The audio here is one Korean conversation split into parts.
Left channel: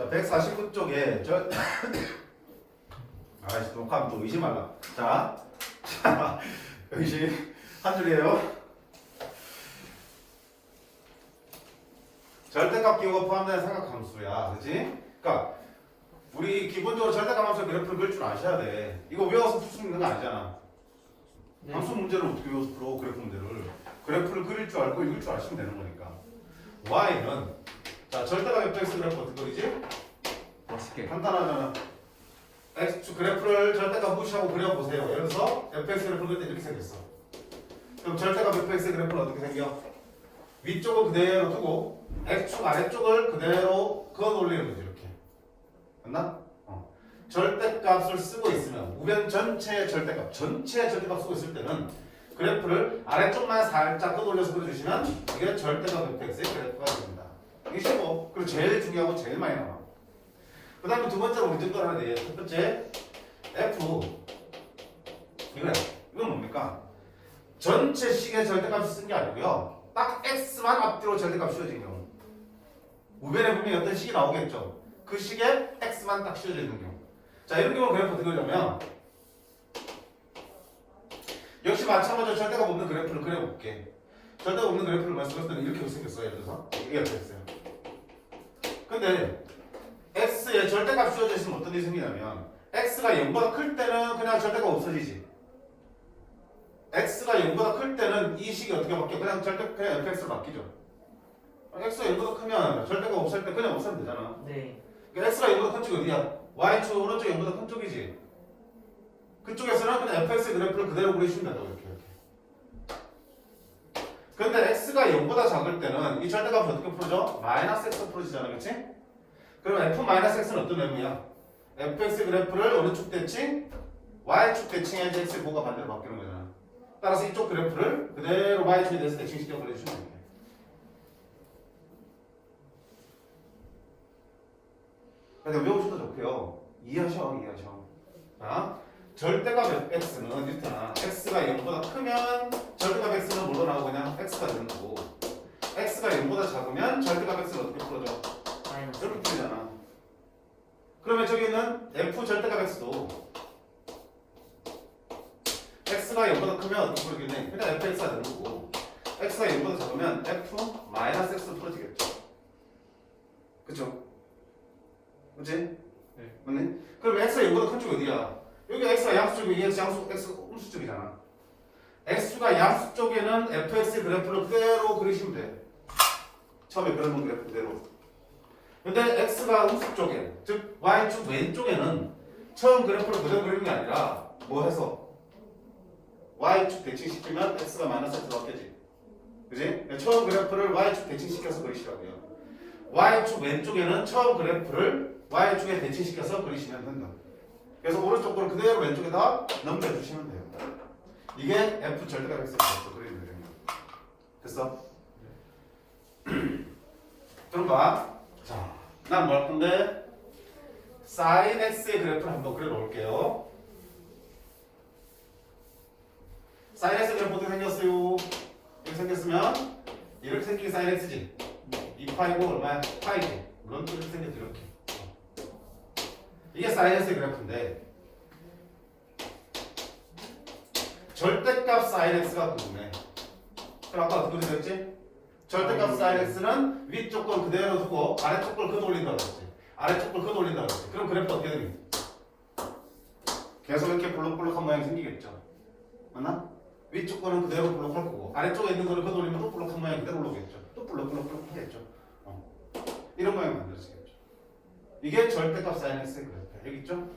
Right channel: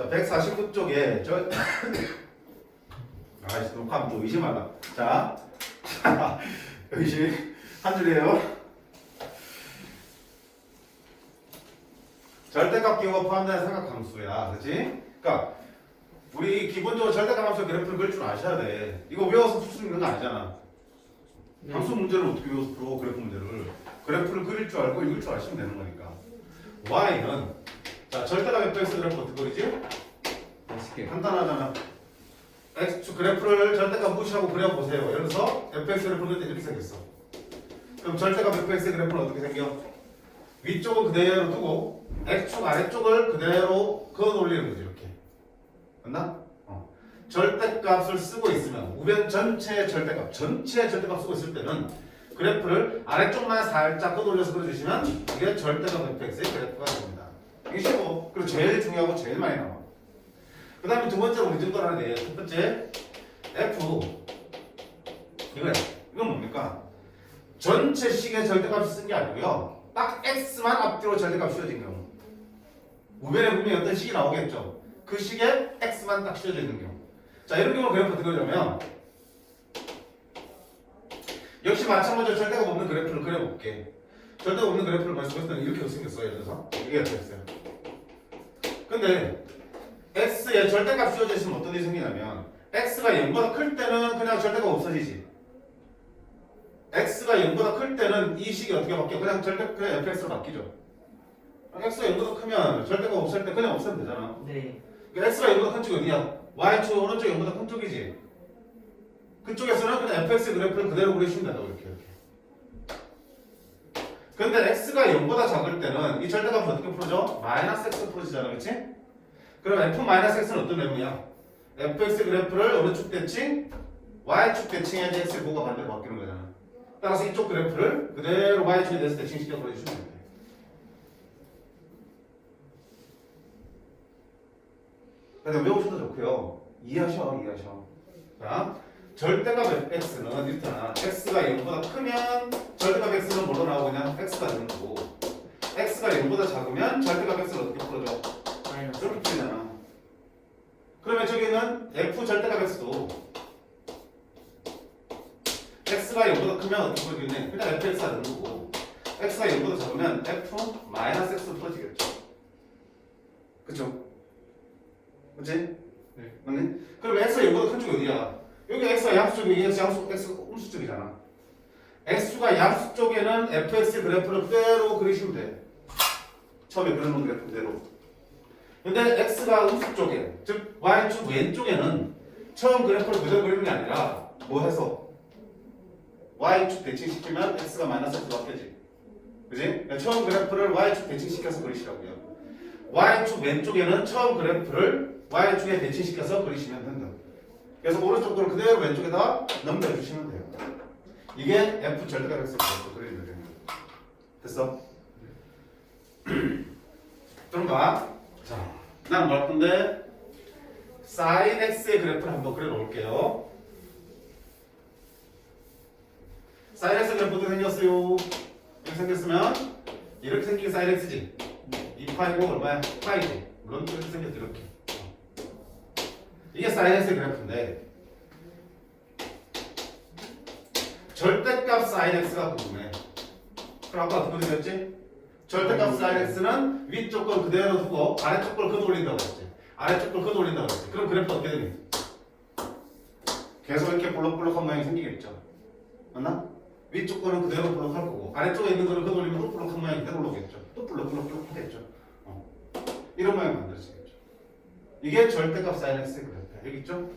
자, 149쪽에 아이씨, 녹화하면 또 의심하다. 자, 의심 한 줄이에요. 절대값 기호가 포함된 삼각함수야, 그렇지? 그러니까 우리 기본적으로 절대값 함수 그래프를 그릴 줄 아셔야 돼. 이거 외워서 풀 수 있는 거 아니잖아. 네. 함수 문제를 어떻게 외워서 풀어? 그래프 문제를. 그래프를 그릴 줄 알고 읽을 줄 아시면 되는 거니까. y는 자 절대값 fx 그래프 어떻게 그리지? 맛있게. 간단하잖아. x 그래프를 절대값 무시하고 그려보세요. 예를 들어서 fx 그래프는 이렇게 생겼어. 그럼 절대값 fx 그래프는 어떻게 생겨? 위쪽을 그대로 두고 x축 아래쪽을 그대로 그어 올리는 거지 이렇게. 맞나? 절대값을 쓰고 있으면 우변 전체의 절대값 쓰고 있을 때는 그래프를 아래쪽만 살짝 끄돌려서 그려주시면 이게 절대값 fx의 그래프가 됩니다. 이게 쉽고 그리고 제일 중요하고 제일 많이 나와. 그 다음에 두 번째로 우리 증거를 하나 내요. 첫 번째 f 이거야. 이건 뭡니까? 전체 식의 절대값을 쓴 게 아니고요. 딱 x만 앞뒤로 절대값 씌워진 경우 우변에 분명히 어떤 식이 나오겠죠. 그 식에 x만 딱 씌워져 있는 경우. 자 이런 경우는 그래프 어떻게 그려냐면 역시 마찬가지로 절대값 없는 그래프를 그려볼게. 절대값 없는 그래프를 말씀드릴 때는 이렇게 생겼어요. 예를 들어서 이게 이렇게 됐어요. 근데 x에 절대값 씌워져 있으면 어떤 일이 생기냐면 x가 0보다 클 때는 그냥 절대값 없어지지. x가 0보다 클 때는 이 식이 어떻게 바뀌어? 그냥 fx로 바뀌죠. x가 0보다 크면 절대값 없을 때 그냥 없애면 되잖아. 네. 그러니까 x가 0보다 큰 쪽이 어디야? y축 오른쪽 0보다 큰 쪽이지. 그쪽에서는 그냥 fx 그래프를 그대로 그리시면 된다고 이렇게. 근데 x가 0보다 작을 때는 이 절대값을 어떻게 풀어져? 마이너스 x 풀어지잖아, 그렇지? 그럼 f-x는 어떤 내용이야? fx 그래프를 오른쪽 대칭, y축 대칭해야지 x의 고가 반대로 바뀌는 거잖아. 따라서 이쪽 그래프를 그대로 y축에 대해서 대칭시켜 보내주시면 됩니다. 그래서 외우셔도 좋고요. 이해하셔. 자, 절대값 fx는 일단 x가 0보다 크면 절대값 x는 뭐로 나오고 그냥 x가 되는 거고 x가 0보다 작으면 절대값 x를 어떻게 풀어줘? 마이너스. 이렇게 풀리잖아. 그러면 저기는 f 절대값 x도 x가 0보다 크면 어떻게 풀리겠네? 그냥 fx가 되는 거고 x가 0보다 작으면 f 마이너스 x 풀어지겠죠. 그쵸? 그치? 네. 맞네? 그럼 x가 0보다 큰 쪽이 어디야? 여기 x가 양수 쪽이고 얘가 x 음수 쪽이잖아. x가 양수 쪽에는 fx 그래프를 그대로 그리시면 돼. 처음에 그려놓은 그래프 그대로. 근데 x가 음수 쪽에, 즉 y축 왼쪽에는 처음 그래프를 그대로 그리는 게 아니라 뭐 해서 y축 대칭시키면 x가 마이너스 x로 바뀌지. 그지? 그러니까 처음 그래프를 y축 대칭시켜서 그리시라고요. y축 왼쪽에는 처음 그래프를 y축에 대칭시켜서 그리시면 된다. 그래서 오른쪽 거를 그대로 왼쪽에다 넘겨주시면 돼요. 이게 f 절대값 x 그래프 그리는 거예요. 됐어? 그럼 봐. 자, 난 뭐 할 건데 sin x의 그래프를 한번 그려볼게요. sin x 그래프 어떻게 생겼어요? 이렇게 생겼으면 이렇게 생긴 게 sin x지. 2파이고 얼마야? 파이지. 물론 이렇게 생겼죠. 이렇게. 이게 sin x의 그래프인데 절대값 sin x가 궁금해. 그럼 아까 어떻게 그렸지? 절대값 sin x는 위쪽 걸 그대로 두고 아래쪽 걸 걷어올린다고 했지. 아래쪽 걸 걷어올린다고 했지. 그럼 그래프 어떻게 되니? 계속 이렇게 볼록볼록한 모양이 생기겠죠. 맞나? 위쪽 거는 그대로 볼록할 거고 아래쪽에 있는 거를 걷어올리면 또 볼록한 모양이 그대로 올라오겠죠. 또 볼록하겠죠. 이런 모양이 만들어지겠죠. 이게 절대값 sin x의 그래프야. 여기 있죠?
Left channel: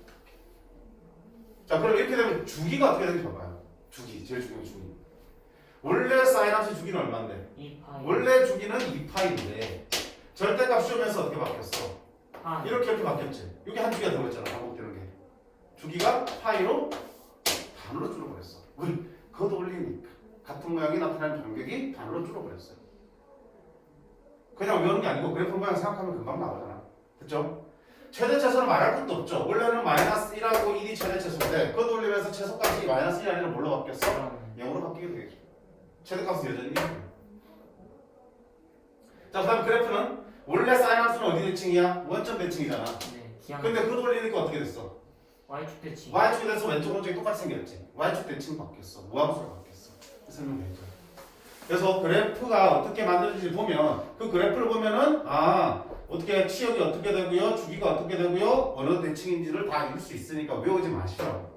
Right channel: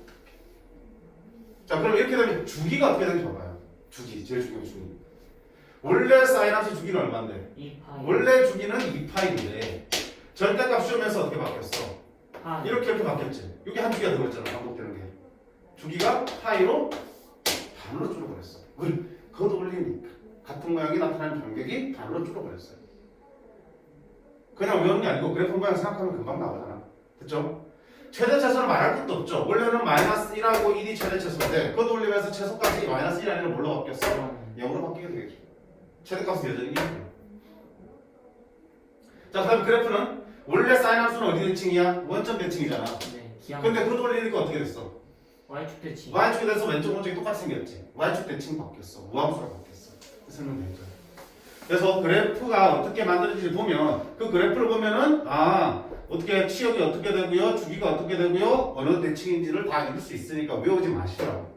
자, 그럼 이렇게 되면 주기가 어떻게 되는지 봐봐요. 주기, 제일 중요한 주기. 원래 사인함수 주기는 얼마인데? 2파이. 원래 주기는 2파인데 절대값 씌우면서 어떻게 바뀌었어? 파이. 이렇게 바뀌었지. 여기 한 주기가 들어있잖아. 반복되는 게. 주기가 파이로 반으로 줄어버렸어. 왜? 그것도 올리니까. 같은 모양이 나타나는 간격이 반으로 줄어버렸어요. 그냥 외우는 게 아니고 그래프 모양 생각하면 금방 나오잖아. 됐죠? 최대최소는 말할 것도 없죠. 원래는 마이너스 1하고 1이 최대최소인데 그것 올리면서 최소까지 마이너스 1이 아니라 뭘로 바뀌었어? 0으로 바뀌게 되겠죠. 최대값은 여전히 1이에요. 자, 그다음 그래프는 원래 사인 함수는 어디 대칭이야? 원점 대칭이잖아. 네. 기항. 근데 그거 돌리니까 어떻게 됐어? Y축 대칭. y축이 돼서 왼쪽 오른쪽이 똑같이 생겼지. y축 대칭 바뀌었어. 무함수로 바뀌었어. 설명되죠. 그래서 그래프가 어떻게 만들어지는지 보면 그 그래프를 보면은 어떻게 치역이 어떻게 되고요, 주기가 어떻게 되고요, 어느 대칭인지를 다 읽을 수 있으니까 외우지 마시라고.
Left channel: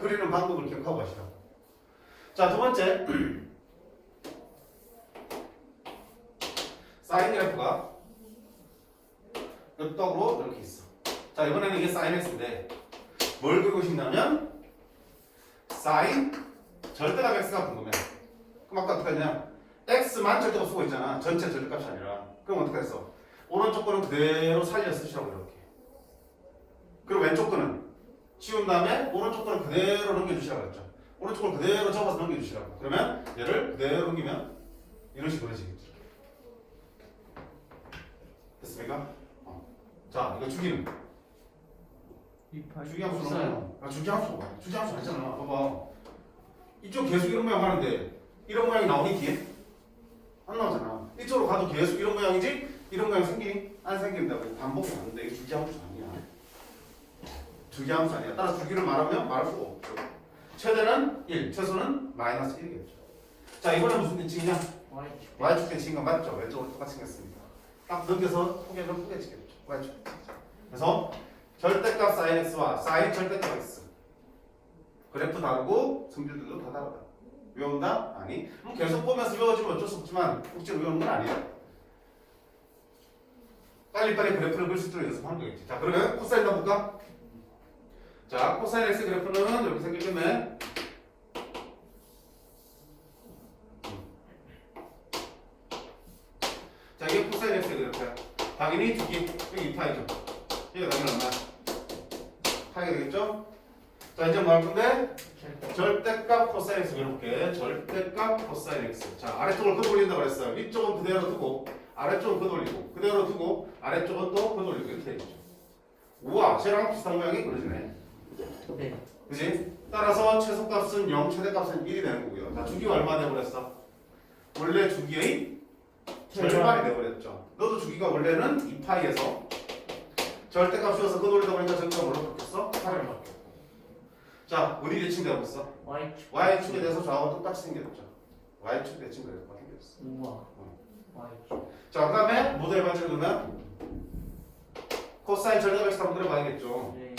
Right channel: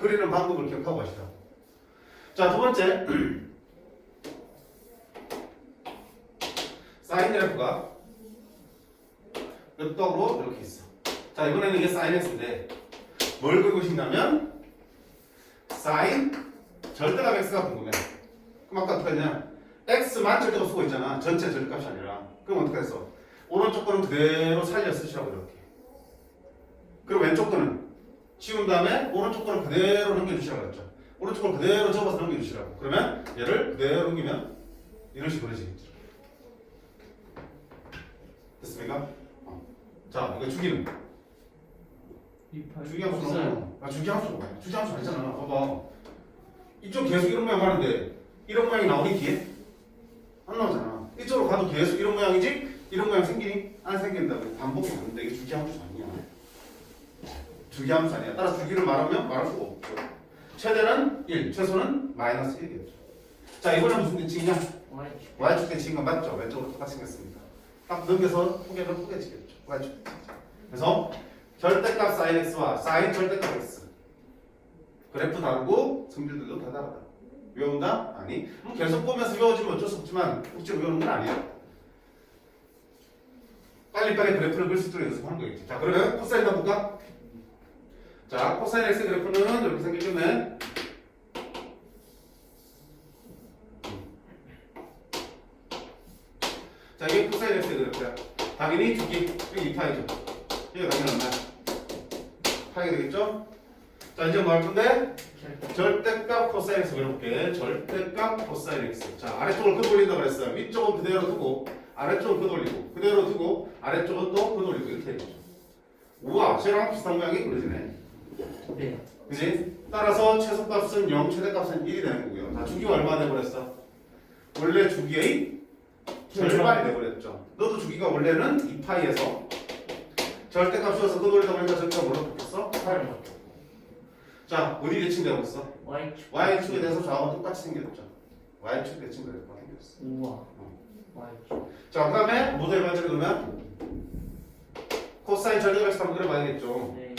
그리는 방법을 기억하고 가시라고. 자, 두 번째. 사인 그래프가 엽떡으로 이렇게 있어. 자, 이번에는 이게 사인 x인데 뭘 그리고 싶냐면 사인 절대값 x가 궁금해. 그럼 아까 어떻게 했냐? x만 절대값 쓰고 있잖아. 전체 절대값이 아니라. 그럼 어떻게 했어? 오른쪽 거는 그대로 살려 쓰시라고 이렇게. 그리고 왼쪽 거는 치운 다음에 오른쪽 거는 그대로 넘겨주시라고 했죠. 오른쪽 거를 그대로 접어서 넘겨주시라고. 그러면 얘를 그대로 넘기면 이런 식으로 그려지겠죠. 됐습니까? 자, 이거 주기는? 주기함수는 주기함수가 뭐야? 주기함수 아니잖아. 봐봐. 이쪽 계속 이런 모양 하는데 이런 모양이 나오니 뒤에? 안 나오잖아. 이쪽으로 가도 계속 이런 모양이지? 이런 모양 생기니? 안 생긴다고. 반복이 나는데 이게 주기함수 아니야. 주기함수 아니야. 따라서 주기를 말하면 말할 수가 없죠. 최대는 1, 최소는 마이너스 1이겠죠. 자, 이번엔 무슨 대칭이냐? Y축. y축 대칭과 맞죠? 왼쪽으로 똑같이 생겼습니다. 딱 넘겨서 포개를 포개지겠죠. y축 대칭. 그래서 절대값 sin x와 sin 절대값 x. 그래프 다르고 성질들도 다 다르다. 외운다? 아니. 계속 보면서 외워지면 어쩔 수 없지만 억지로 외우는 건 아니야. 빨리빨리 그래프를 그릴 수 있도록 연습하는 거겠지. 자, 그러면 코사인 가볼까? 자, 코사인 x 그래프는 이렇게 생겼겠네. 자, 이게 코사인 x 그래프야. 당연히 주기, 여기 2파이죠. 이게 당연히 얼마야? 파이가 되겠죠? 자, 이제 뭐 할 건데? 절대값 코사인 x 그려볼게. 절대값 코사인 x. 자, 아래쪽을 끄돌린다고 그랬어요. 위쪽은 그대로 두고 아래쪽은 끄돌리고 그대로 두고 아래쪽은 또 끄돌리고 이렇게 해주죠. 우와, 쟤랑 비슷한 모양이 그려지네. 네. 그지? 따라서 최소값은 0, 최대값은 1이 되는 거고요. 자, 주기가 얼마 돼버렸어? 원래 주기의 절반이 돼버렸죠. 너도 주기가 원래는 2파이에서 절대값이어서 끄돌리다 보니까 저기가 뭘로 바뀌었어? 8로. 자, 어디 대칭되고 있어? Y축. y축에 대해서 좌우가 똑같이 생겼죠. y축 대칭 그래프가 생겼어. 우와. Y축. 자, 그 다음에 모델 반지를 그러면 코사인 절대값 x 한번 그려봐야겠죠. 네.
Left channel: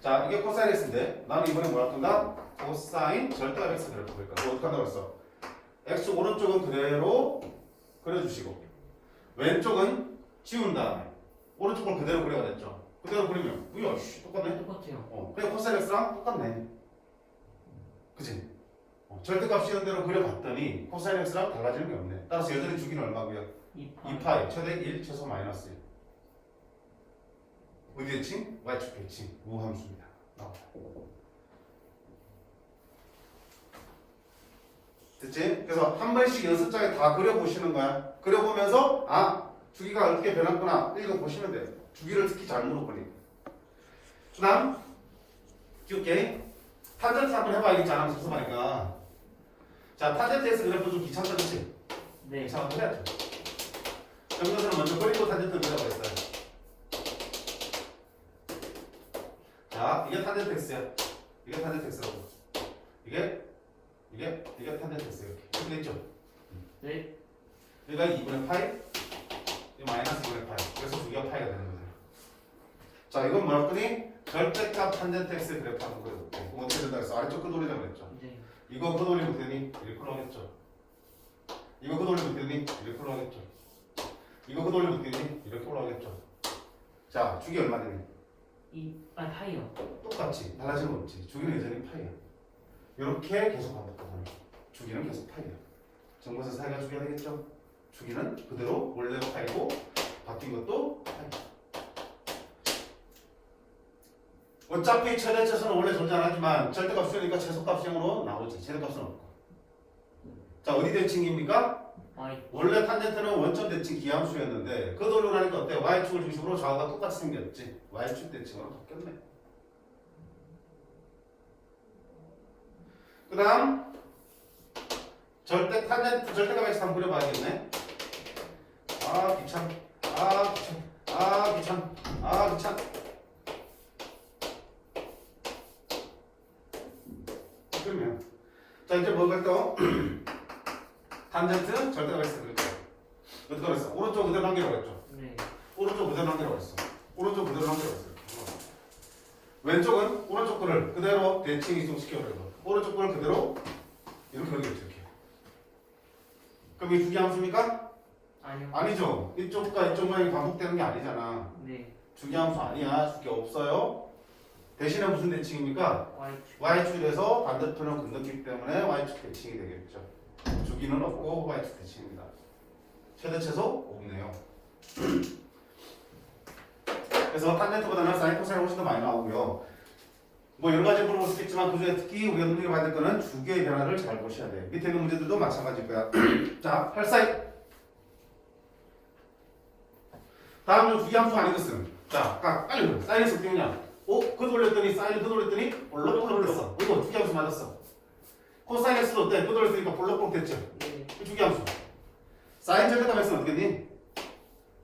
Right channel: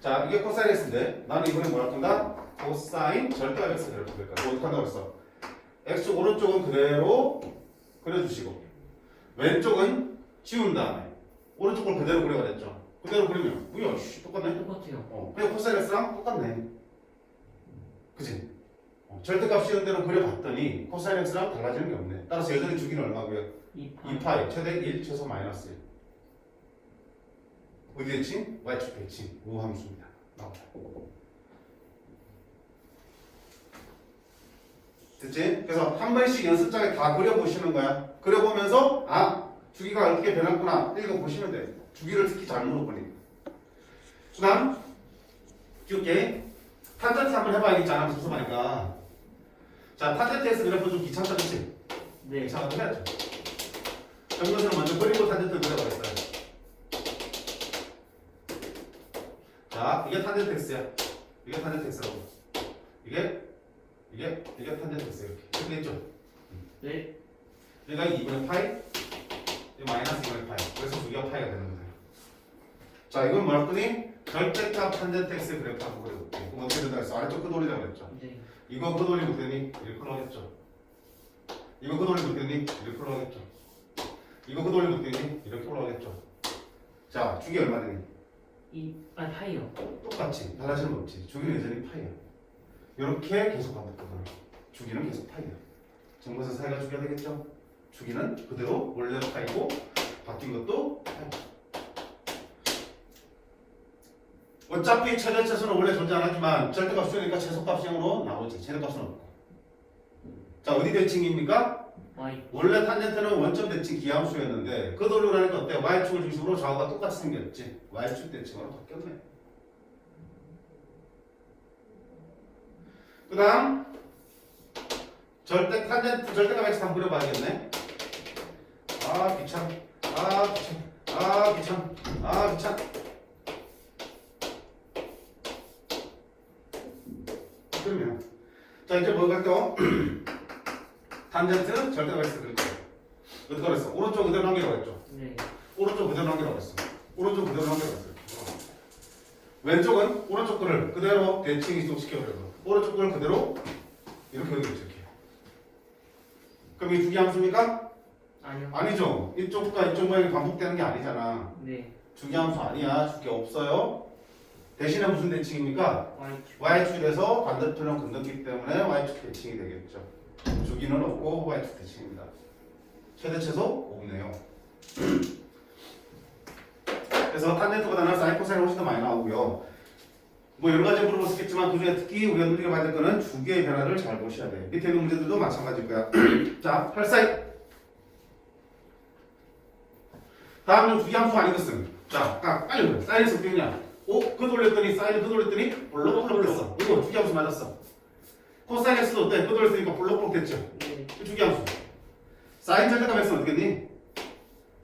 자, 이게 코사인 x인데 나는 이번에 뭐 할 건가? 코사인 절대값 x 그래프 그릴 거야. 어떻게 한다고 했어? x축 오른쪽은 그대로 그려주시고 왼쪽은 지운 다음에 오른쪽 걸 그대로 그려야 됐죠. 그대로 그리면 뭐야, 똑같네. 똑같아요. 그냥 코사인 x랑 똑같네. 그치? 절대값 씌운 대로 그려봤더니 코사인 x랑 달라지는 게 없네. 따라서 여전히 주기는 얼마고요? 2파이 최대 1 최소 마이너스 1. 어디 대칭? y축 대칭. 우함수입니다. 나오자. 됐지? 그래서 한 번씩 연습장에 다 그려보시는 거야. 그려보면서 주기가 어떻게 변했구나 읽어보시면 돼. 주기를 특히 잘 물어보니. 그 다음 기울게 탄젠트 한번 해봐야겠지. 안 하면 섭섭하니까. 자, 탄젠트에서 그래프 좀 귀찮다 그치? 네. 귀찮아도 해야죠. 정근수는 먼저 그리고 탄젠트를 그려봐 있어요. 자, 이게 탄젠트 x야. 이게 탄젠트 x라고. 이게 탄젠트 x 이렇게 됐죠? 네. 여기가 2분의 파이, 이 마이너스 2분의 파이. 그래서 주기가 파이가 되는 거예요. 자, 이건 뭐라 했더니 절대값 탄젠트 x 그래프 한번 그려볼게. 그럼 어떻게 된다 했어? 아래쪽 끄돌리자고 그랬죠? 네. 이거 끄돌리면 되니 1% 하겠죠? 이거 끄돌리면 되니 1% 하겠죠? 이거 끄돌리면 되니 이렇게 올라가겠죠? 자, 주기 얼마 되니? 파이요. 똑같지. 달라지는 거 없지. 주기는 여전히 파이야. 이렇게 계속 반복하는 거야. 주기는 계속 파이야. 정근수 사이가 주기가 되겠죠? 주기는 그대로 원래 파이고 바뀐 것도 파이야. 어차피 최대 최소는 원래 존재 안 하지만 절대값 수니까 최소값형으로 나오지. 최대값은 없고. 자, 어디 대칭입니까? Y. 원래 탄젠트는 원점 대칭 기함수였는데 그 돌리고 나니까 어때? y축을 중심으로 좌우가 똑같이 생겼지. y축 대칭으로 바뀌었네. 그 다음 탄젠트 절대값 x 한번 그려봐야겠네. 아 귀찮. 아 귀찮. 아 귀찮. 아 귀찮. 그러면 자 이제 뭐 갈게요. 탄젠트 절대값 x 그릴 거야. 어떻게 그랬어? 오른쪽 그대로 남기라고 했죠. 네. 오른쪽 그대로 남기라고 했어. 오른쪽 그대로 남기라고 했어. 왼쪽은 오른쪽 거를 그대로 대칭 이동시켜버려서 오른쪽 거를 그대로 이렇게 그리겠죠. 이렇게. 그럼 이 두 개 함수입니까? 아니요. 아니죠. 이쪽과 이쪽 모양이 반복되는 게 아니잖아. 네. 주기 함수 아니야. 주기 없어요. 대신에 무슨 대칭입니까? Y축. Y축에서 반대편은 건넜기 때문에 Y축 대칭이 되겠죠. 주기는 없고 Y축 대칭입니다. 최대 최소 없네요. 그래서 탄젠트보다는 사인 코사인이 훨씬 더 많이 나오고요. 뭐 여러 가지 물어볼 수 있겠지만 도중에 특히 우리가 눈여겨봐야 될 거는 주기의 변화를 잘 보셔야 돼요. 밑에 있는 문제들도 마찬가지일 거야. 자, 8사인. 다음은 주기 함수 아닌 것은 자, 빨리 보여. 사인에서 어떻게 되냐? 그 돌렸더니 사인을 그 돌렸더니 볼록볼록 됐어. 이거 주기 함수 맞았어. 코사인 x도 어때? 그 돌렸으니까 볼록볼록 됐죠. 네. 주기 함수. 사인 절대값 x는 어떻게 됐니?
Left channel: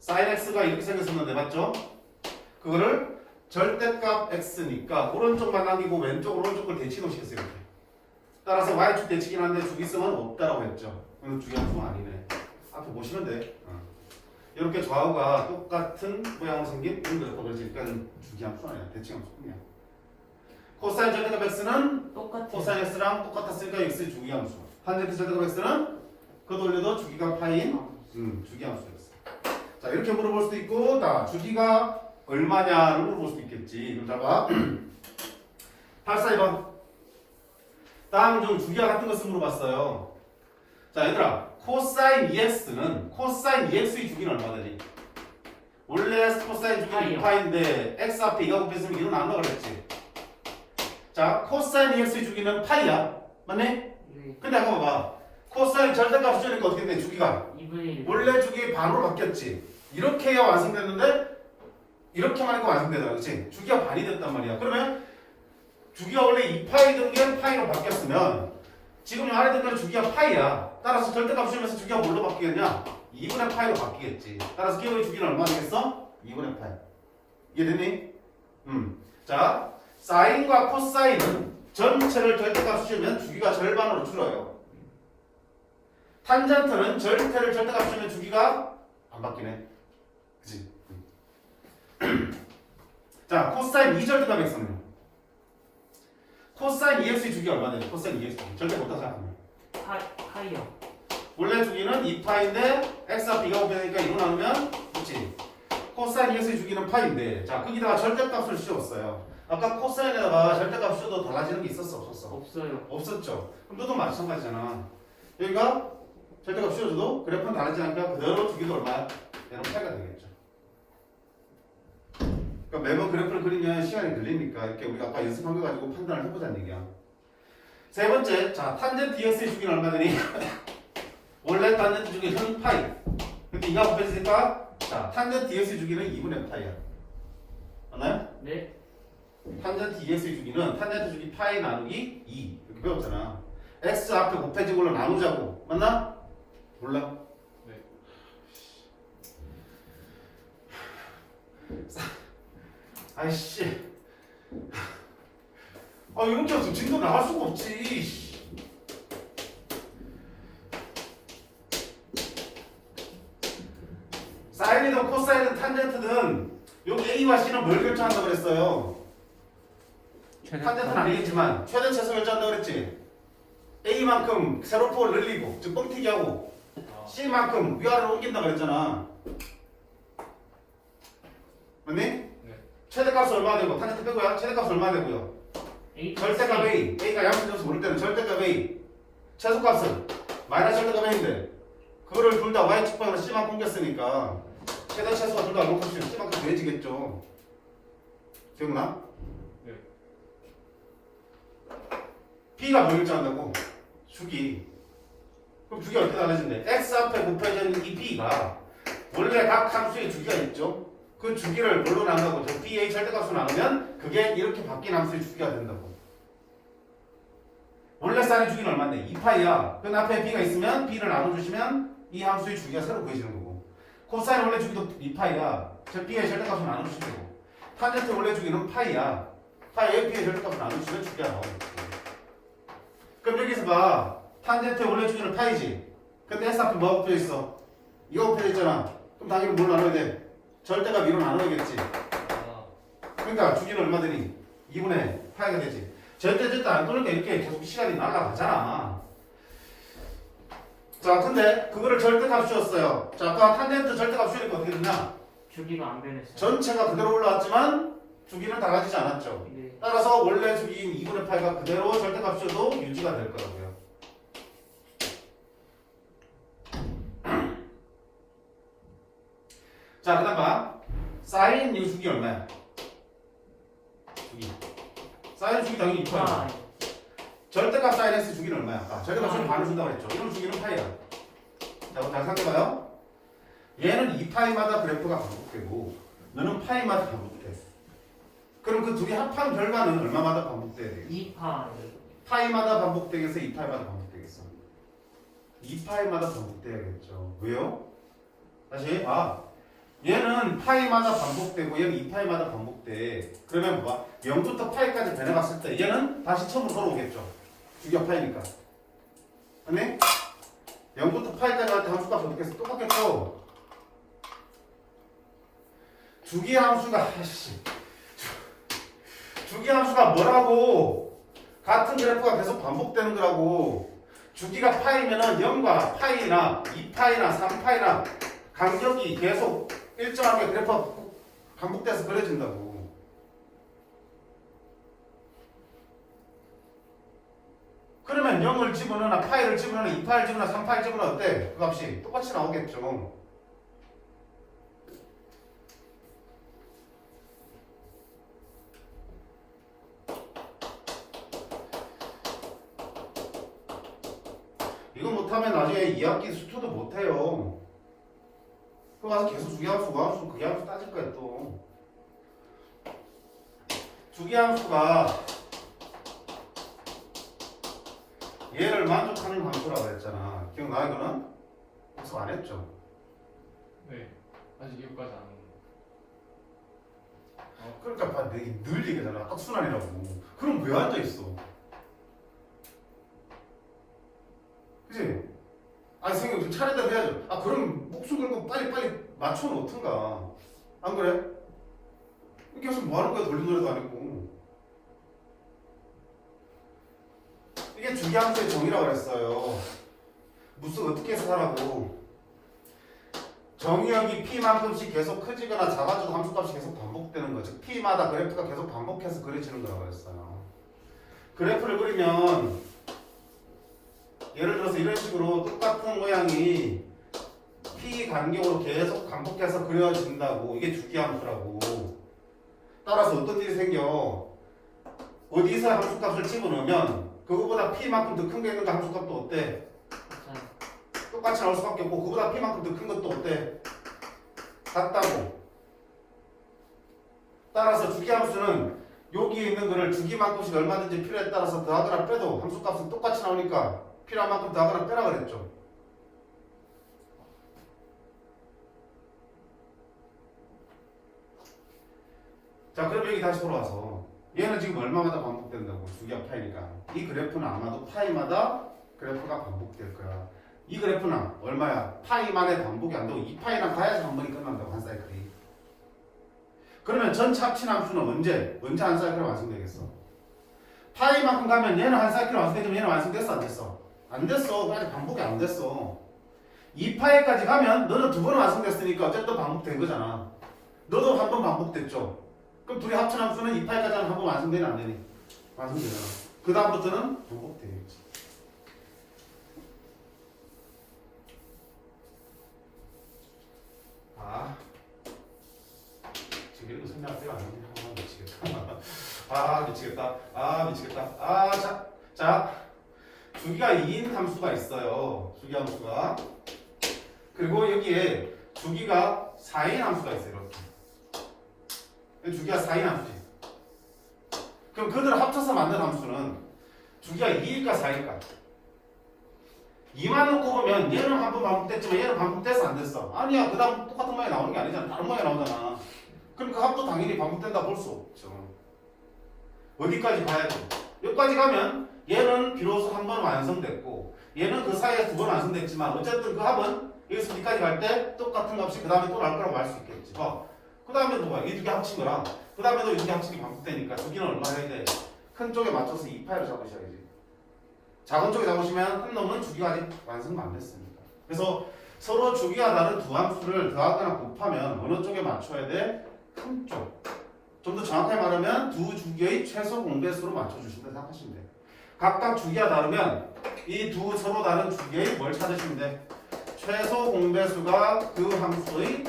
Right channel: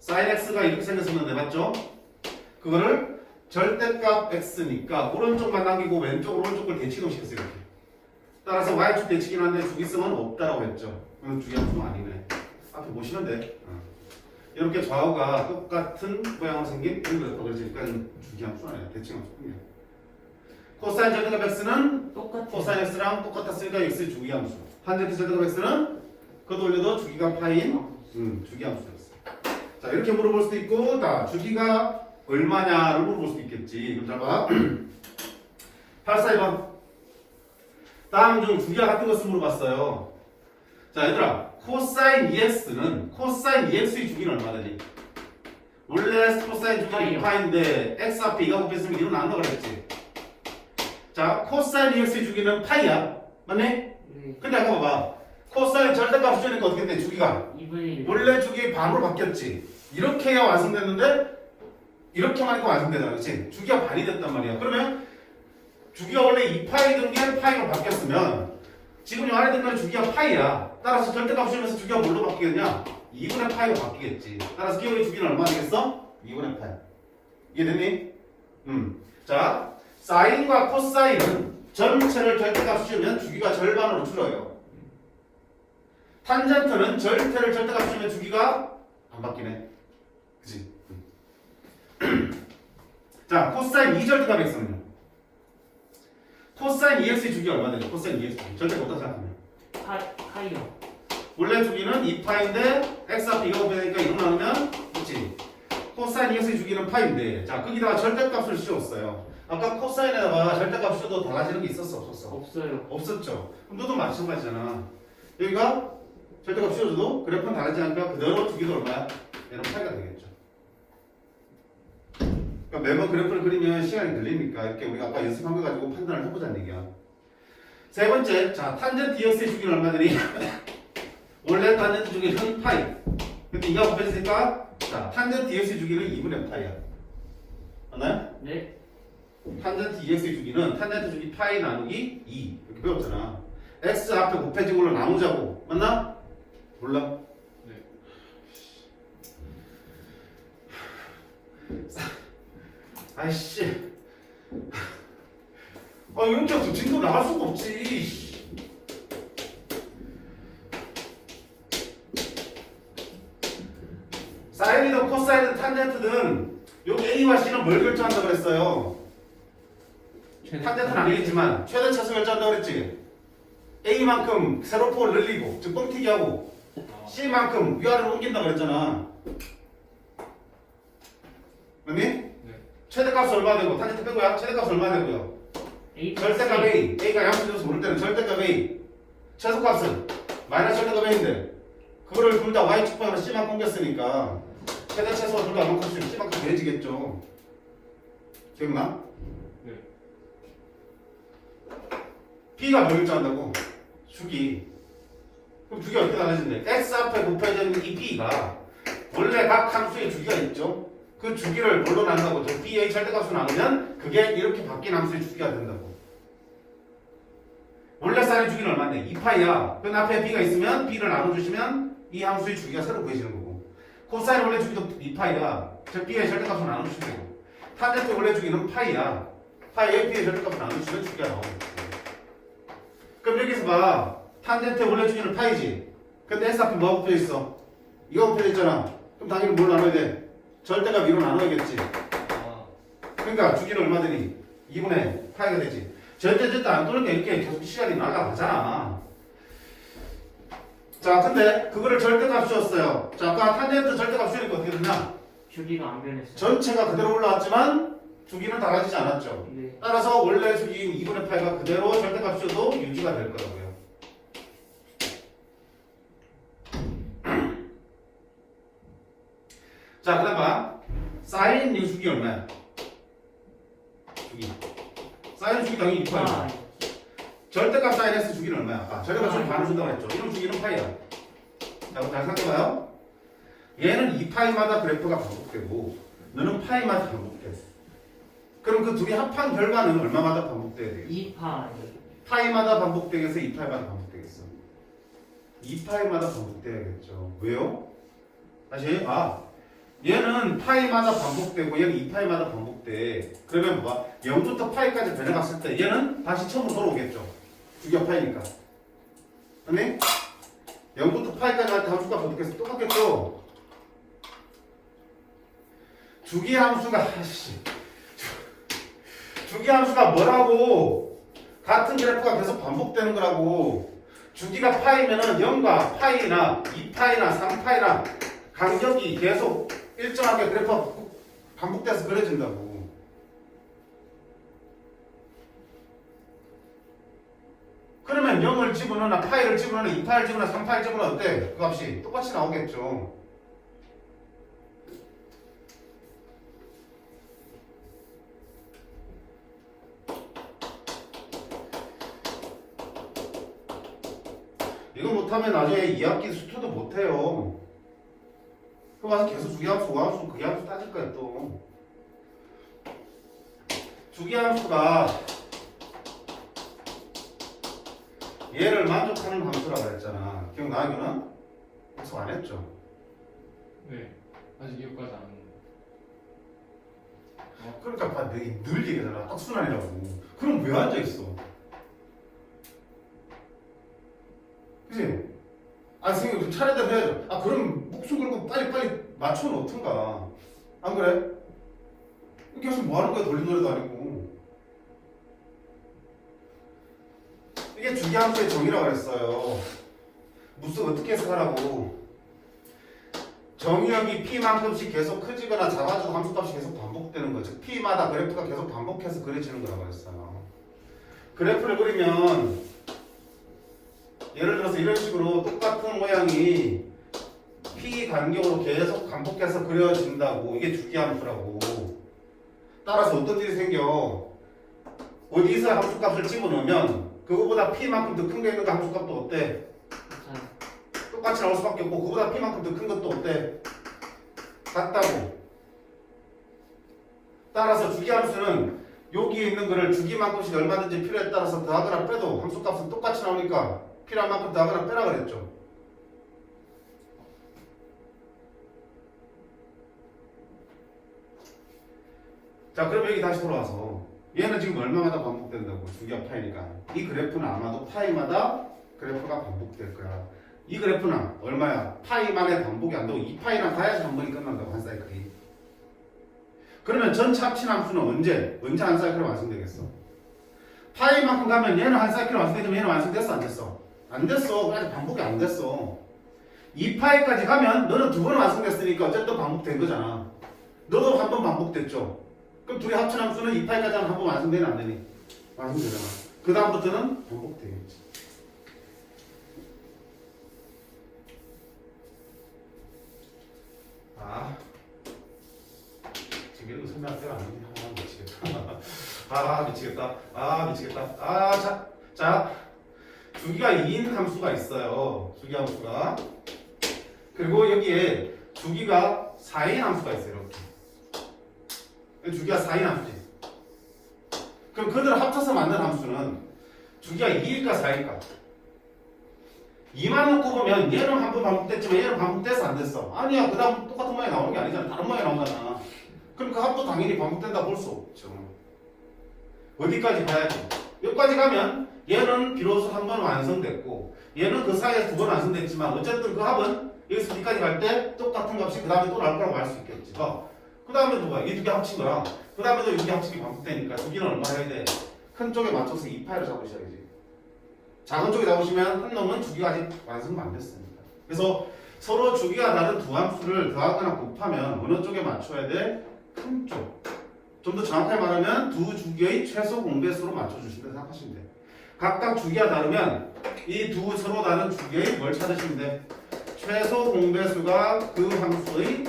사인 x가 이렇게 생겼었는데 맞죠? 그거를 절대값 x니까 오른쪽만 남기고 왼쪽 오른쪽을 대칭을 시켰어요. 이렇게. 따라서 y축 대칭이긴 한데 주기성은 없다라고 했죠. 그럼 주기함수는 아니네. 앞에 보시면 돼. 이렇게 좌우가 똑같은 모양으로 생긴 이런 그래서 그러니까 주기함수 아니야. 대칭함수뿐이야. 코사인 절대값 x는 똑같아. 코사인 x랑 똑같았으니까 x 주기함수. 탄젠트 절대값 x는 그 돌려도 주기가 파인 주기함수였어. 자 이렇게 물어볼 수도 있고 자 주기가 얼마냐를 물어볼 수도 있겠지. 그럼 잘 봐. 842번. 다음 중 주기와 같은 것을 물어봤어요. 자 얘들아 코사인 EX는 코사인 EX의 주기는 얼마 되니? 원래 코사인 주기는 2파인데 x 앞에 2가 곱했으면 2는 안 나가겠지. 자 코사인 EX의 주기는 파이야. 맞네? 네. 근데 아까 봐봐. 코사인 절대값 수준이니까 어떻게 돼? 주기가 2분의 1. 원래 주기 반으로 바뀌었지. 이렇게 해야 완성됐는데 이렇게만 하니까 완성되잖아. 그치? 주기가 반이 됐단 말이야. 그러면 주기가 원래 2파이던 게 파이로 바뀌었으면 지금 이 안에 들면 주기가 파이야. 따라서 절대값 수준에서 주기가 뭘로 바뀌겠냐? 2분의 파이로 바뀌겠지. 따라서 기호의 주기는 얼마 되겠어? 2분의 파이. 이해됐니? 자, 사인과 코사인은 전체를 절대값 수준이면 주기가 절반으로 줄어요. 탄젠트는 절대를 절대값 수준이면 주기가 안 바뀌네. 그치? 자, 코사인 2절대값 x는요? 코사인 2x의 주기가 얼마 되죠? 코사인 2x 절대값 어디다 생각하면? 파이요. 원래 주기는 2파인데 x 앞에 2가 곱하니까 2로 나누면 그치? 코사인 2x의 주기는 파인데 자 거기다가 절대값을 씌웠어요. 아까 코사인에다가 절대값 씌워도 달라지는 게 있었어 없었어? 없어요. 없었죠. 그럼 너도 마찬가지잖아. 여기가 절대값 씌워줘도 그래프는 다르지 않으니까 그대로 주기도 얼마야? 얘는 차이가 되겠죠. 그러니까 매번 그래프를 그리면 시간이 걸리니까 이렇게 우리가 아까 연습한 거 가지고 판단을 해보자는 얘기야. 세 번째, 자 탄젠트 EX의 주기는 얼마 되니? 원래 탄젠트 주기는 파이. 근데 2가 곱해지니까 자 탄젠트 EX의 주기는 2분의 파이야. 맞나요? 네. 탄젠트 EX의 주기는 탄젠트 주기 파이 나누기 2 이렇게 배웠잖아. X 앞에 곱해진 걸로 나누자고. 맞나? 몰라? 네. 아이씨. 이렇게 해서 진도 나갈 수가 없지. 사인이든 코사인이든 탄젠트든 여기 A와 C는 뭘 결정한다고 그랬어요? 탄젠트는 아니겠지만 최대 최소 결정한다고 그랬지? A만큼 세로폭을 늘리고 즉 뻥튀기 하고 C만큼 위아래로 옮긴다고 그랬잖아. 맞니? 네. 최대값은 얼마 되고 탄젠트 빼고요. 최대값은 얼마 되고요. 절대값 A. A가 양수점수 모를 때는 절대값 A. 최소값은 마이너스 절대값 A인데 그거를 둘 다 Y축방으로 C만큼 옮겼으니까 최대 최소가 둘 다 로커스 C만큼 돼지겠죠. 기억나? 네. B가 뭘 결정한다고? 주기. 그럼 주기가 어떻게 달라진대? X 앞에 곱해져 있는 이 B가 원래 각 함수의 주기가 있죠? 그 주기를 뭘로 나눈다고? 저 B의 절대값으로 나누면 그게 이렇게 바뀐 함수의 주기가 된다고. 원래 사인 주기는 얼마인데? 2파이야. 그 앞에 b가 있으면 b를 나눠주시면 이 함수의 주기가 새로 구해지는 거고. 코사인 원래 주기도 2파이야. 즉 b의 절대값을 나눠주시면 되고. 탄젠트 원래 주기는 파이야. 파이에 b의 절대값을 나눠주시면 주기가 나오고. 그럼 여기서 봐. 탄젠트 원래 주기는 파이지. 근데 s 앞에 뭐가 붙어 있어? 이거 붙어 있잖아. 그럼 당연히 뭘 나눠야 돼? 절대값 2로 나눠야겠지. 그러니까 주기는 얼마 되니? 2분의 파이가 되지. 절대 안 돌니까 이렇게 계속 시간이 나가잖아. 자, 근데 그거를 절대값 씌웠어요. 자, 아까 탄젠트 절대값 씌우니까 어떻게 되냐? 주기가 안 변했어요. 전체가 그대로 올라왔지만 주기는 달라지지 않았죠. 네. 따라서 원래 주기인 2분의 8가 그대로 절대값 씌워도 유지가 될 거라고요. 자, 그 다음 봐. 사인 유 주기 얼마야? 주기. 사인 주기 당연히 2파야. 아, 절대값 사인 S 주기는 얼마야? 아까 절대값 주기 반을 준다고 했죠. 이런 주기는 파이야. 자, 잘 생각해봐요. 얘는 2파이마다 그래프가 반복되고 너는 파이마다 반복돼. 그럼 그 둘이 합한 결과는 얼마마다 반복돼야 돼? 2파. 파이마다 반복되겠어? 2파이마다 반복되겠어? 2파이마다 반복돼야겠죠. 왜요? 다시 봐. 얘는 파이마다 반복되고 얘는 2파이마다 반복돼. 그러면 뭐 0부터 파이까지 변해갔을 때 얘는 다시 처음으로 돌아오겠죠. 주기가 파이니까. 아니? 0부터 파이까지 할 때 함수가 어떻게 해서 똑같겠죠? 주기 함수가 주기 함수가 뭐라고? 같은 그래프가 계속 반복되는 거라고. 주기가 파이면은 0과 파이나 2파이나 3파이나 간격이 계속 일정하게 그래프가 반복돼서 그려진다고. 그러면 0을 집어넣으나 파이를 집어넣으나 2파이를 집어넣으나 3파이를 집어넣으나 어때? 그 값이 똑같이 나오겠죠. 이거 못하면 나중에 2학기 수토도 못해요. 그거 와서 계속 주기함수, 우함수, 극이함수 따질 거야 또. 주기함수가 얘를 만족하는 함수라고 했잖아. 기억나 이거는? 복습 안 했죠? 네. 아직 이거까지 안 오고. 그러니까 봐, 내가 늘 얘기하잖아. 악순환이라고. 그럼 왜 앉아있어? 그치? 아, 선생님 좀 차례대로 해야죠. 아, 그럼 목숨 걸고 빨리 맞춰 놓든가. 안 그래? 계속 뭐 하는 거야? 돌린 노래도 아니고. 이게 주기함수의 정의라고 그랬어요. 무슨 어떻게 해석하라고. 정의역이 P만큼씩 계속 커지거나 작아지고 함수값이 계속 반복되는 거죠. P마다 그래프가 계속 반복해서 그려지는 거라고 그랬어요. 그래프를 그리면 예를 들어서 이런 식으로 똑같은 모양이 P 간격으로 계속 반복해서 그려진다고. 이게 주기함수라고. 따라서 어떤 일이 생겨? 어디서 함수값을 집어넣으면 그거보다 P만큼 더 큰 게 있는 거 함수값도 어때? 똑같이 나올 수밖에 없고 그거보다 P만큼 더 큰 것도 어때? 같다고. 따라서 주기함수는 여기에 있는 거를 주기만큼씩 얼마든지 필요에 따라서 더하거나 빼도 함수값은 똑같이 나오니까 필요한 만큼 더하거나 빼라 그랬죠. 자, 그럼 여기 다시 돌아와서 얘는 지금 얼마마다 반복된다고? 주기가 파이니까 이 그래프는 아마도 파이마다 그래프가 반복될 거야. 이 그래프는 얼마야? 파이만의 반복이 안 되고 2파이랑 가야지 한 번이 끝난다고. 한 사이클이. 그러면 전체 합친 함수는 언제 한 사이클 완성되겠어? 파이만큼 가면 얘는 한 사이클 완성되지만 얘는 완성됐어 안 됐어? 안 됐어. 아직 반복이 안 됐어. 2파이까지 가면 너는 두 번 완성됐으니까 어쨌든 반복된 거잖아. 너도 한 번 반복됐죠. 그럼 둘이 합친 함수는 2파이까지 한 번 완성되니 안 되니? 완성되잖아. 그 다음부터는 반복되겠지. 아, 지금 이런 거 설명할 때가 아니네. 아, 미치겠다. 아, 미치겠다. 자, 주기가 2인 함수가 있어요. 주기 함수가. 그리고 여기에 주기가 4인 함수가 있어요. 이렇게. 주기가 4인 함수지. 그럼 그들을 합쳐서 만든 함수는 주기가 2일까 4일까? 2만 놓고 보면 얘는 한 번 반복됐지만 얘는 반복돼서 안 됐어. 아니야, 그 다음 똑같은 모양이 나오는 게 아니잖아. 다른 모양이 나오잖아. 그럼 그 합도 당연히 반복된다 볼 수 없죠. 어디까지 가야지? 여기까지 가면 얘는 비로소 한 번 완성됐고 얘는 그 사이에 두 번 완성됐지만 어쨌든 그 합은 여기서 어디까지 갈 때 똑같은 값이 그 다음에 또 나올 거라고 알 수 있겠지. 그 다음에 또 뭐야? 이 두 개 합친 거야. 그 다음에도 이 두 개 합치기 반복되니까 두 개는 얼마 해야 돼? 큰 쪽에 맞춰서 2파이를 잡으셔야지. 작은 쪽에 잡으시면 한 놈은 주기가 아직 완성도 안 됐습니다. 그래서 서로 주기가 다른 두 함수를 더하거나 곱하면 어느 쪽에 맞춰야 돼? 큰 쪽. 좀 더 정확하게 말하면 두 주기의 최소 공배수로 맞춰주신다 생각하시면 돼요. 각각 주기가 다르면 이 두 서로 다른 주기의 뭘 찾으시면 돼? 최소 공배수가 그 함수의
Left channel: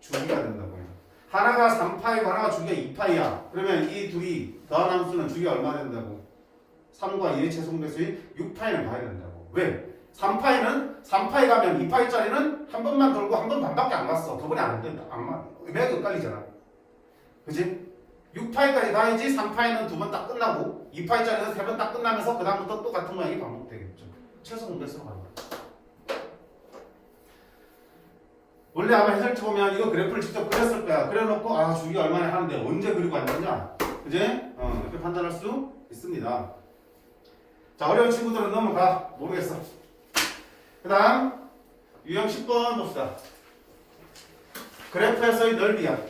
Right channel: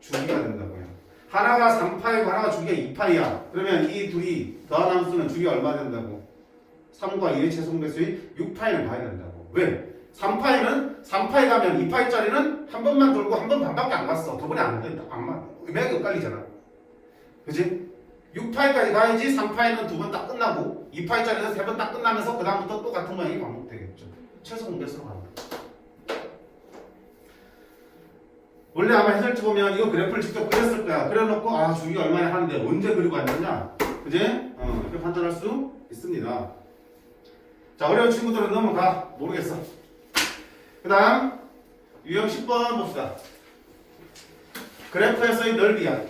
주기가 된다고요. 하나가 3파이고 하나가 주기가 2파이야. 그러면 이 둘이 더한 함수는 주기가 얼마 된다고? 3과 2의 최소 공배수의 6파이를 봐야 된다고. 왜? 3파이 가면 2파이짜리는 한 번만 돌고 한 번 반밖에 안 갔어. 두 번에 안 된다. 안 맞아. 내가 헷갈리잖아. 그지? 6파이까지 가야지 3파이는 두 번 딱 끝나고 2파이짜리는 세 번 딱 끝나면서 그 다음부터 또 같은 모양이 반복되겠죠. 최소 공배수로 갑니다. 원래 아마 해설지 보면 이거 그래프를 직접 그렸을 거야. 그려놓고 아 주기가 얼마나 하는데 언제 그리고 앉았냐? 그지? 이렇게 판단할 수 있습니다. 자, 어려운 친구들은 넘어가. 모르겠어. 그 다음 유형 10번 봅시다. 그래프에서의 넓이야.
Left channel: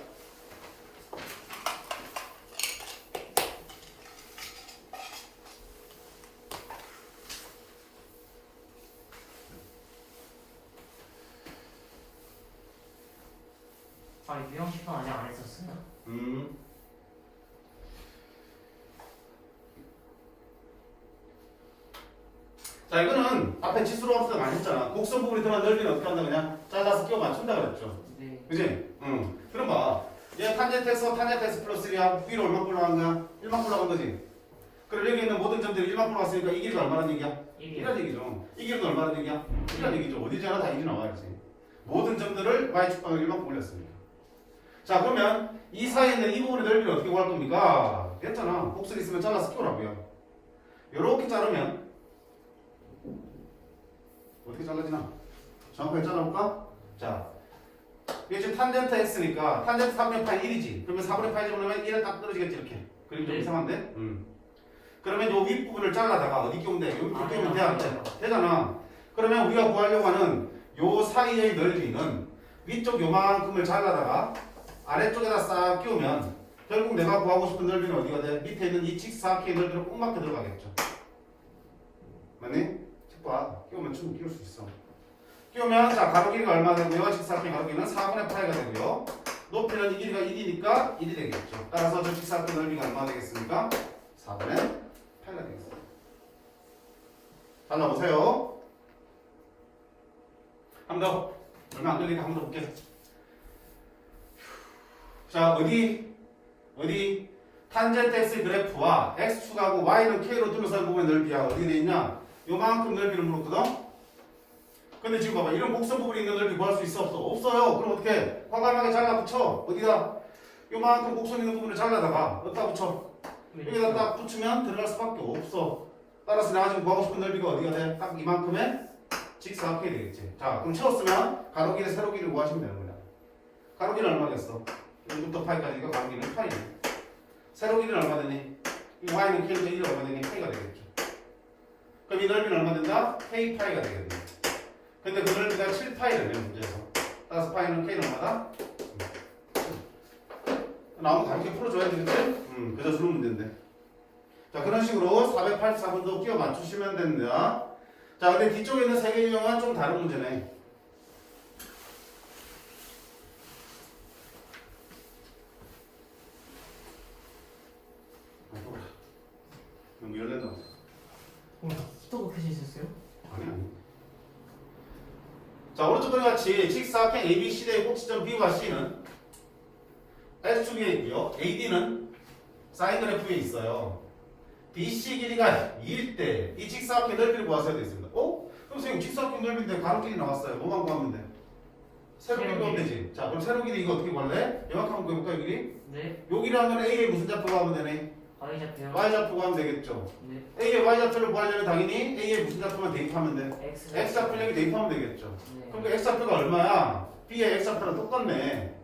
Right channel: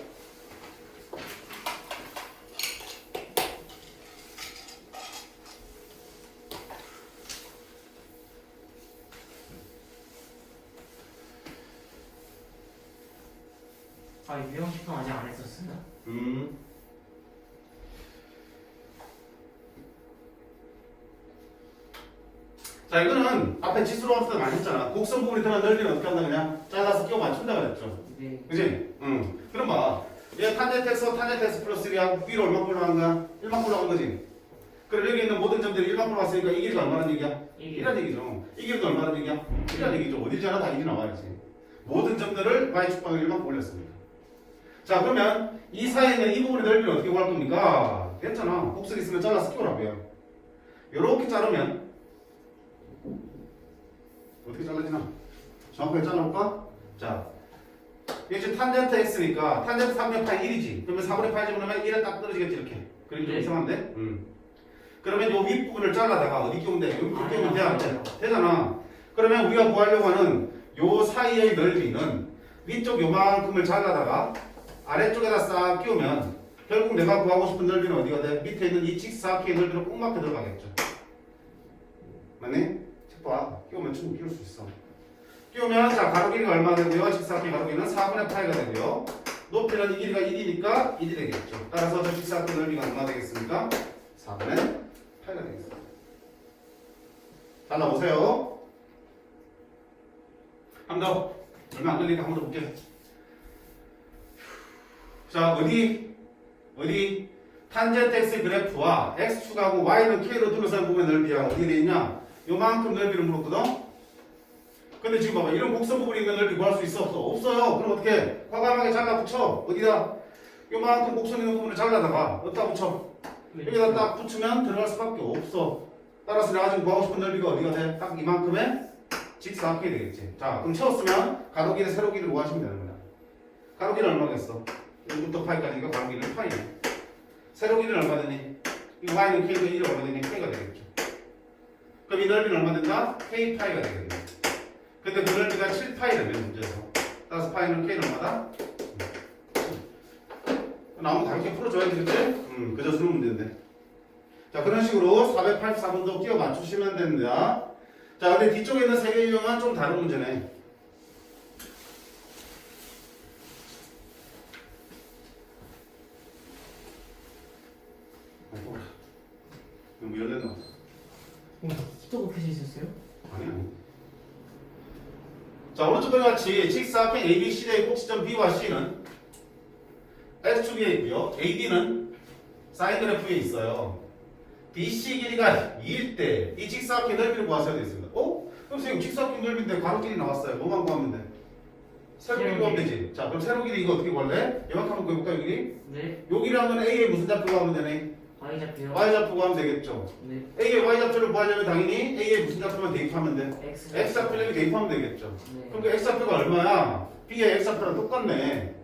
아, 유형 10번 아직 안 했었어? 자, 이거는 앞에 지수로 없을 때 많이 했잖아. 곡선 부분이 들어간 넓이는 어떻게 한다 그냥 잘라서 끼워 맞춘다 그랬죠. 네. 그지? 그럼 봐. 얘 탄젠트 x 플러스 1이야. 위로 얼마 올라간 거야? 1만 올라간 거지. 그럼 여기 있는 모든 점들이 1만 올라갔으니까 이 길이가 얼마나 얘기야? 1이라는 얘기죠. 이 길이도 얼마나 얘기야? 1이라는 얘기죠. 어디지 않아 다 1이 나와야지. 모든 점들을 y축방을 1만큼 올렸습니다. 자, 그러면 이 사이에 있는 이 부분의 넓이를 어떻게 구할 겁니까? 됐잖아. 곡선 있으면 잘라서 끼우라고요. 요렇게 자르면 어떻게 잘라지나? 정확하게 잘라볼까? 자, 이게 지금 탄젠트 x니까 탄젠트 3분의 파이 1이지. 그러면 4분의 파이 집어넣으면 1에 딱 떨어지겠지 이렇게. 그림 좀 네. 이상한데? 그러면 요 윗부분을 잘라다가 어디 끼우면 돼? 여기 끼우면 돼? 안 돼? 되잖아. 그러면 우리가 구하려고 하는 요 사이의 넓이는 위쪽 요만큼을 잘라다가 아래쪽에다 싹 끼우면 결국 내가 구하고 싶은 넓이는 어디가 돼? 밑에 있는 이 직사각형의 넓이로 꼭 맞게 들어가겠죠. 맞니? 책 봐. 끼우면 충분히 끼울 수 있어. 끼우면 자 가로 길이가 얼마 되고요? 직사각형 가로 길이는 4분의 파이가 되고요. 높이는 이 길이가 1이니까 1이 되겠죠. 따라서 저 직사각형 넓이가 얼마 되겠습니까? 4분의 파이가 되겠습니다. 잘라보세요. 한 번 더. 얼마 안 걸리니까 한 번 더 볼게요. 자, 어디? 탄젠트 x 그래프와 x축하고 y는 k로 둘러싼 부분의 넓이야. 어디에 돼 있냐? 요만큼 넓이를 물었거든? 근데 지금 봐봐. 이런 곡선 부분이 있는 넓이 구할 수 있어? 없어? 없어요. 그럼 어떻게? 과감하게 잘라 붙여. 어디다? 요만큼 곡선 있는 부분을 잘라다가 어디다 붙여? 여기다 딱 붙이면 들어갈 수밖에 없어. 따라서 내가 지금 구하고 싶은 넓이가 어디가 돼? 딱 이만큼의 직사각형이 되겠지. 자, 그럼 채웠으면 가로 길이 세로 길이를 구하시면 되는 거야. 가로 길이는 얼마겠어? 1부터 파이까지가 가로 길이는 파이네. 세로 길이는 얼마 되니? 이 y는 k도 1이 얼마 되니? k가 되겠죠. 그럼 이 넓이는 얼마 된다? k 파이가 되겠네. 근데 그 넓이가 7파이래 문제에서. 따라서 파이는 k는 얼마다? 나오면 가볍게 풀어줘야 되겠지? 그저 주는 문제인데. 자, 그런 식으로 484번도 끼워 맞추시면 됩니다. 자, 근데 뒤쪽에 있는 세 개의 유형은 좀 다른 문제네. 뭐 열렸나? 또 그렇게 있었어요? 아니. 자, 오른쪽 그림 같이 직사각형 ABC의 꼭지점 B와 C는 X축에 있고요. AD는 사인 그래프에 있어요. BC 길이가 2일 때 이 직사각형 넓이를 구하셔야 되겠습니다. 그럼 선생님 직사각형 넓이인데 가로 길이 나왔어요. 뭐만 구하면 돼? 세로 길이 구하면 되지. 자, 그럼 세로 길이 이거 어떻게 구할래? 이만큼 한번 구해볼까, 요 길이? 네. 요 길이라는 건 A의 무슨 좌표 구하면 되네? Y좌표요? Y좌표 구하면 되겠죠. 네. A의 Y좌표를 구하려면 당연히 A의 무슨 좌표만 대입하면 돼? X X좌표 여기 대입하면 되겠죠. 네. 그럼 그 X좌표가 얼마야? B의 X좌표랑 똑같네.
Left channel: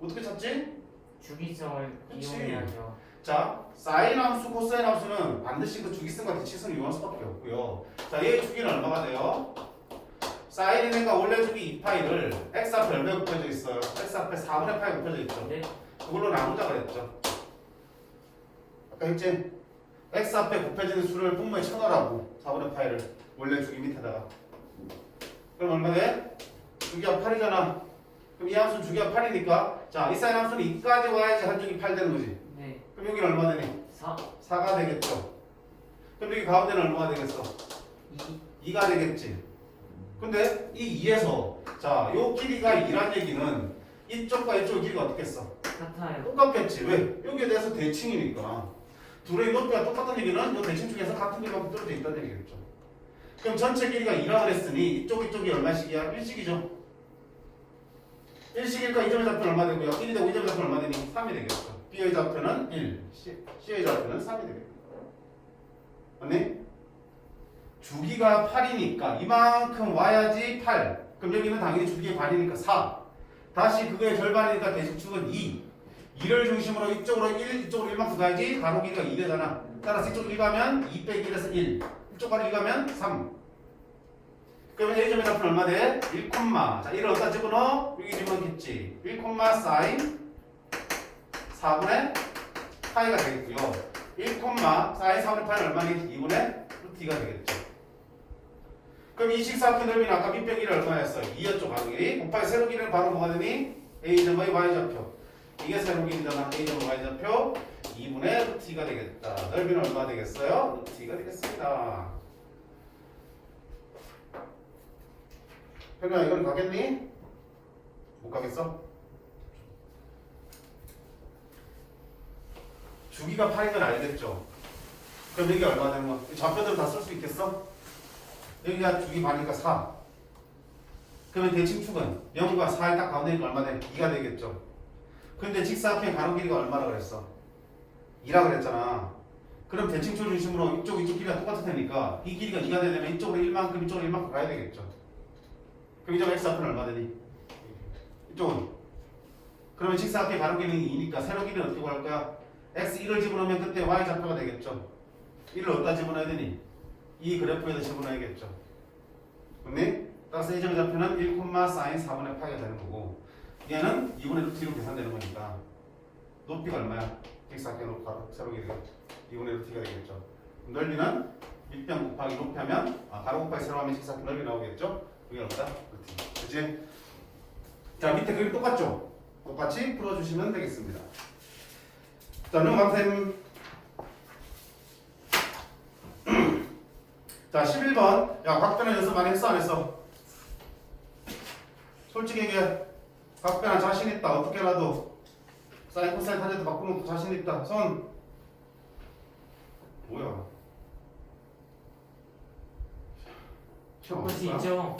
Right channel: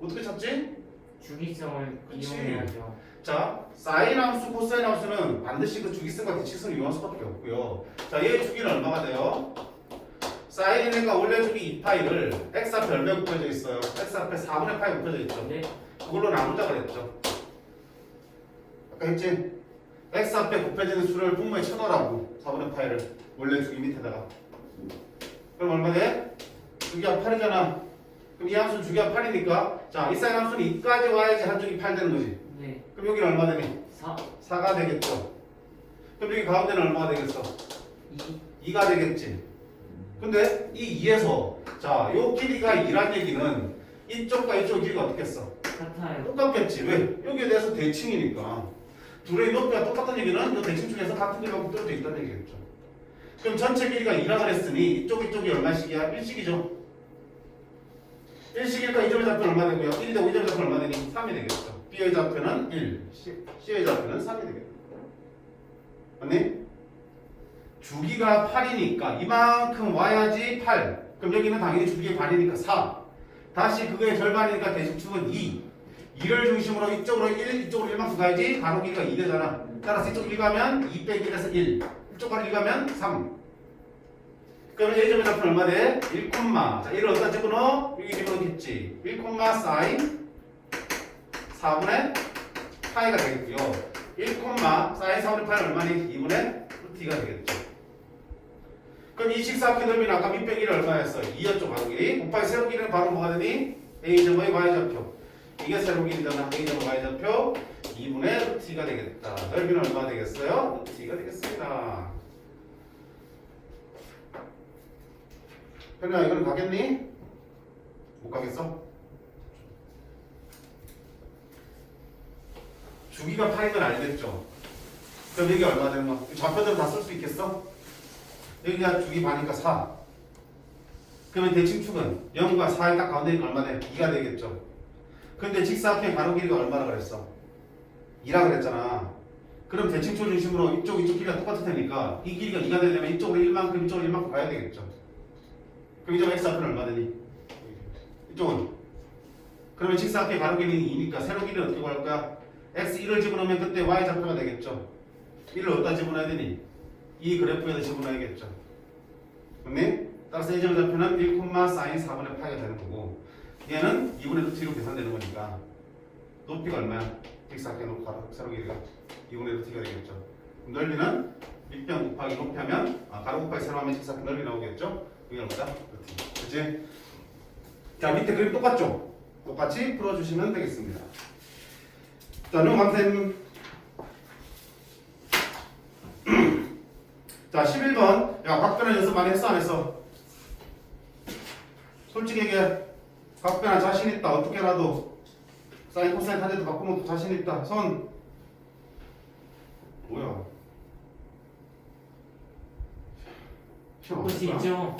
어떻게 찾지? 주기성을 그치. 이용해야죠. 자, 사인 함수, 코사인 함수는 반드시 그 주기성과 대칭성을 이용할 수밖에 없고요. 자, 얘의 주기는 얼마가 돼요? 사인이니까 원래 주기 2파이를 X 앞에 얼마 곱해져 있어요? X 앞에 4분의 파이 곱해져 있죠. 네. 그걸로 나누자 그랬죠. 아까 했지? X 앞에 곱해지는 수를 분모에 쳐넣으라고 4분의 파이를 원래 주기 밑에다가. 그럼 얼마 돼? 주기가 8이잖아. 그럼 이 함수는 주기가 8이니까 자, 이 사인 함수는 2까지 와야지 한쪽이 8 되는 거지. 네. 그럼 여기는 얼마 되니? 4 4가 되겠죠. 그럼 여기 가운데는 얼마가 되겠어? 2 2가 되겠지. 근데 이 2에서 자, 요 길이가 2란 얘기는 이쪽과 이쪽 길이가 어떻겠어? 같아요. 똑같겠지. 왜? 여기에 대해서 대칭이니까. 둘의 높이가 똑같은 얘기는 이 대칭 중에서 같은 길이가 떨어져 있다는 얘기겠죠. 그럼 전체 길이가 2라 그랬으니 이쪽이 얼마씩이야? 1씩이죠. 1씩이니까 이 점의 좌표는 얼마 되고요? 1이 되고 이 점의 좌표는 얼마 되니? 3이 되겠죠. B의 좌표는 1, C의 좌표는 3이 되겠죠. 맞니? 주기가 8이니까 이만큼 와야지 8. 그럼 여기는 당연히 주기의 반이니까 4. 다시 그거의 절반이니까 대칭축은 2. 2를 중심으로 이쪽으로 1, 이쪽으로 1만큼 가야지 가로 길이가 2 되잖아. 따라서 이쪽 1 가면 2 빼기 1에서 1. 이쪽 가로 1 가면 3. 그러면 A점의 좌표는 얼마 돼? 1, 자 1을 어디다 집어넣어? 여기 집어넣겠지. 1, 사인 4분의 파이가 되겠고요. 1, 사인 4분의 파이는 얼마니? 2분의 루트가 되겠죠. 그럼 이 식사각형 넓이는 아까 밑변 길이 얼마였어? 2였죠, 가로 길이. 곱하기 세로 길이는 바로 뭐가 되니? A점의 Y좌표. 이게 세로 길이잖아. A점의 Y좌표 2분의 루트가 되겠다. 넓이는 얼마 되겠어요? 루트가 되겠습니다. 현우야, 이건 가겠니? 못 가겠어? 주기가 8인 건 알겠죠? 그럼 이게 얼마 되는 거야? 좌표대로 다 쓸 수 있겠어? 여기가 주기 반이니까 4. 그러면 대칭축은 0과 4의 딱 가운데 있는 거 얼마 돼? 2가 되겠죠. 근데 직사각형 가로 길이가 얼마나 그랬어? 2라 그랬잖아. 그럼 대칭축 중심으로 이쪽 길이가 똑같을 테니까 이 길이가 2가 되려면 이쪽으로 1만큼 이쪽으로 1만큼 가야 되겠죠. 그럼 이쪽 x 앞은 얼마 되니? 이쪽은? 그러면 직사각형 가로 길이는 2니까 세로 길이는 어떻게 구할 거야? x1을 집어넣으면 그때 y좌표가 되겠죠. 1을 어디다 집어넣어야 되니? 이 그래프에다 집어넣어야겠죠. 맞니? 따라서 이 점의 좌표는 1, 사인 4분의 파이가 되는 거고 얘는 2분의 루트로 계산되는 거니까 높이가 얼마야? 직사각형 높이 가로 세로 길이가 2분의 루트가 되겠죠. 넓이는 밑변 곱하기 높이 하면 가로 곱하기 세로 하면 직사각형 넓이 나오겠죠. 그게 뭐다? 루트. 그치? 자, 밑에 그림 똑같죠? 똑같이 풀어주시면 되겠습니다. 자, 넘어가면 자, 11번. 야, 각변환 연습 많이 했어, 안 했어? 솔직히 얘기해. 각변환 자신 있다. 어떻게라도 사인, 코사인, 탄젠트 바꾸는 것도 자신 있다. 손. 뭐야? 볼 수 있죠.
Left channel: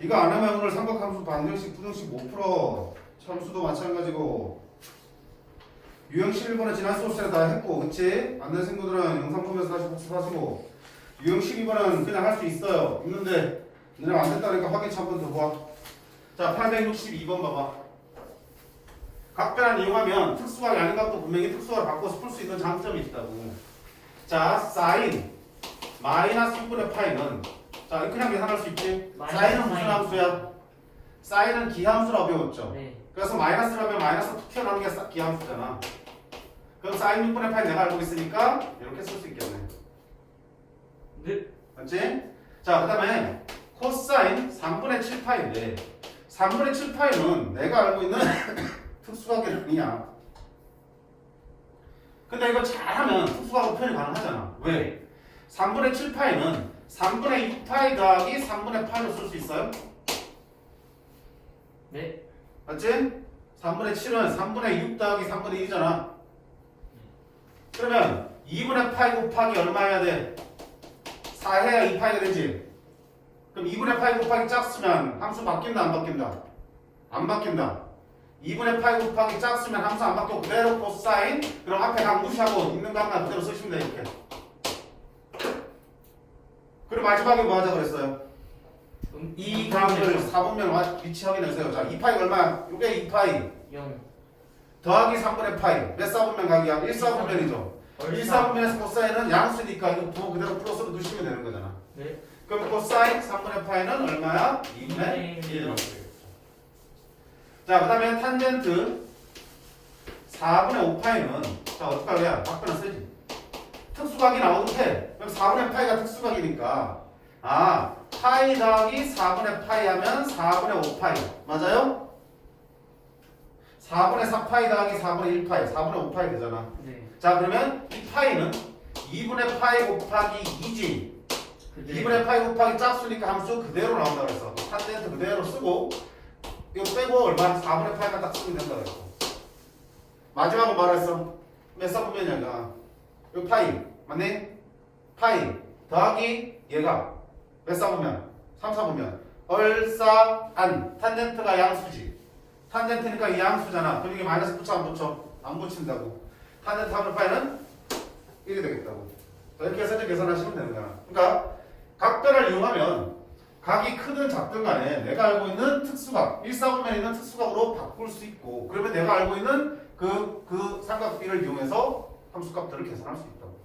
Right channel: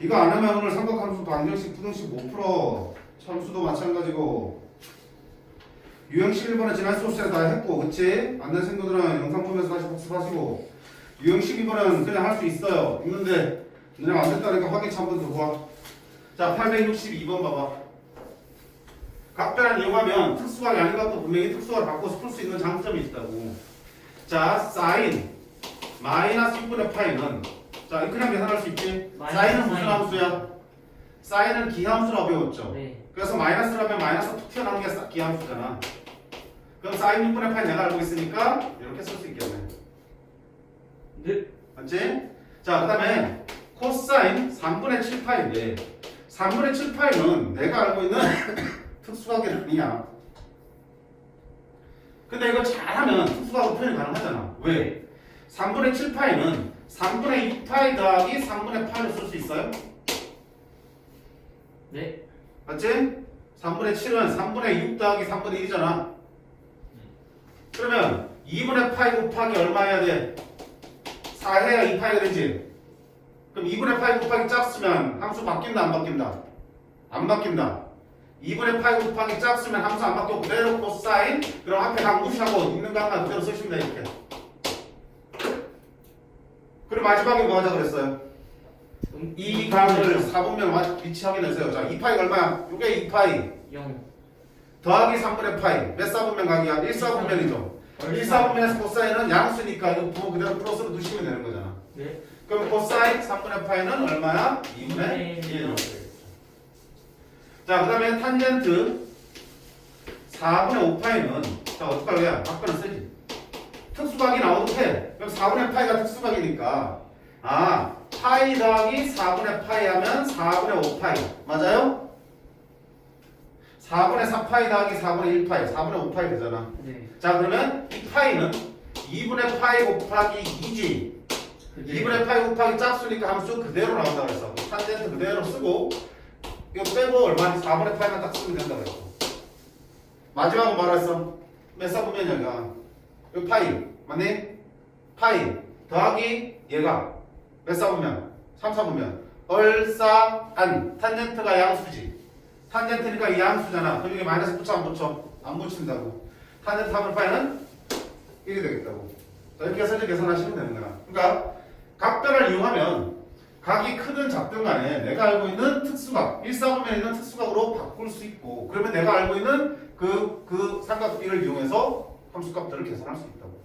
이거 안 하면 오늘 삼각함수 방정식, 부등식 못 풀어. 참수도 마찬가지고. 유형 11번은 지난 수업 시간에 다 했고, 그치? 안 된 친구들은 영상 보면서 다시 학습하시고. 유형 12번은 그냥 할 수 있어요. 있는데, 너네 안 됐다니까 확인 한번 더 봐. 자, 862번 봐봐. 각변환 이용하면 특수각이 아닌 것도 분명히 특수각을 바꿔서 풀 수 있는 장점이 있다고. 자, 사인 마이너스 6분의 파이는 자, 그냥 계산할 수 있지? 사인은 무슨 함수야? 사인은 기함수라고 배웠죠? 네. 그래서 마이너스라면 마이너스 툭 튀어나오는 게 기함수잖아. 그럼 사인 6분의 파이 내가 알고 있으니까 이렇게 쓸 수 있겠네. 네. 맞지? 자, 그 다음에 코사인 3분의 7파이인데 3분의 7파이는 내가 알고 있는 특수각의 넓이야. 근데 이거 잘하면 특수각으로 표현이 가능하잖아. 왜? 3분의 7파이는 3분의 2파이 더하기 3분의 파이로 쓸 수 있어요? 네. 맞지? 3분의 7은 3분의 6 더하기 3분의 1이잖아. 그러면 2분의 파이 곱하기 얼마 해야 돼? 4 해야 2파이가 되지? 그럼 2분의 파이 곱하기 짝수면 함수 바뀐다 안 바뀐다? 안 바뀐다. 2분의 파이 곱하기 짝수면 함수 안 바뀌고 그대로 코사인. 그럼 앞에 각 무시하고 있는 각만 그대로 쓰시면 돼 이렇게. 그리고 마지막에 뭐 하자 그랬어요? 이 각을 4분면 위치 확인해서요. 자, 2파이가 얼마야? 이게 2파이 0 더하기 3분의 파이. 몇 4분면 각이야? 1 4분면이죠. 1 4분면에서 코사인은 양수니까 이거 부호 그대로 플러스로 두시면 되는 거잖아. 네. 그럼 코사인 3분의 파이는 얼마야? 2분의 1. 자, 그 다음에 탄젠트 4분의 5파이는 자, 어떡할 거야? 밖에는 쓰지. 특수각이 나오도 돼. 그럼 4분의 파이가 특수각이니까 파이 더하기 4분의 파이 하면 4분의 5파이. 맞아요? 4분의 4파이 더하기 4분의 1파이. 4분의 5파이 되잖아. 네. 자, 그러면 이 파이는 2분의 파이 곱하기 2지. 2분의 파이 곱하기 짝수니까 함수 그대로 나온다 그랬어. 탄젠트 그대로 쓰고 이거 빼고 얼마나 4분의 파이만 딱 쓰면 된다 그랬어. 마지막으로 말했어. 몇 사분면이야? 이거 파이 맞니? 파이 더하기 얘가 몇 사분면? 3, 4분면. 얼싸안 탄젠트가 양수지. 탄젠트니까 이 양수잖아. 그럼 이게 마이너스 붙여 안 붙여? 안 붙인다고. 탄젠트 3분의 파이는 1이 되겠다고. 자, 이렇게 해서 계산하시면 되는 거야. 그러니까 각변을 이용하면 각이 크든 작든 간에 내가 알고 있는 특수각 1사분면에 있는 특수각으로 바꿀 수 있고 그러면 내가 알고 있는 그 삼각비를 이용해서 함수값들을 계산할 수 있다고.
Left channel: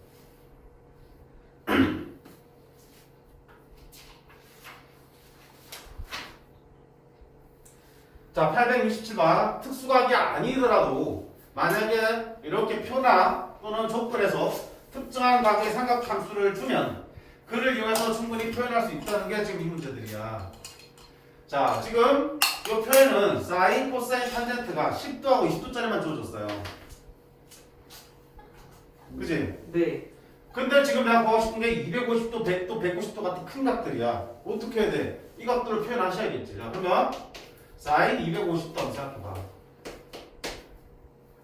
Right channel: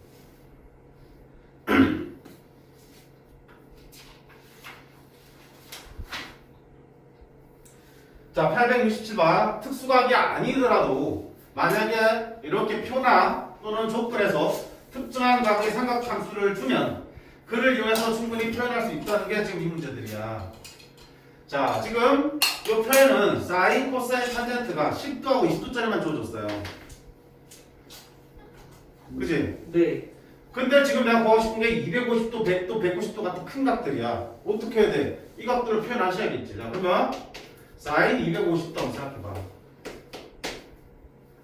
자, 867번 특수각이 아니더라도 만약에 이렇게 표나 또는 조건에서 특정한 각의 삼각함수를 주면 그를 이용해서 충분히 표현할 수 있다는 게 지금 이 문제들이야. 자, 지금 이 표현은 사인, 코사인, 탄젠트가 10도하고 20도짜리만 주어졌어요. 그치? 네. 근데 지금 내가 보고 싶은 게 250도, 100도, 190도 같은 큰 각들이야. 어떻게 해야 돼? 이 각들을 표현하셔야겠지. 자, 그러면 사인 250도 한번 생각해봐.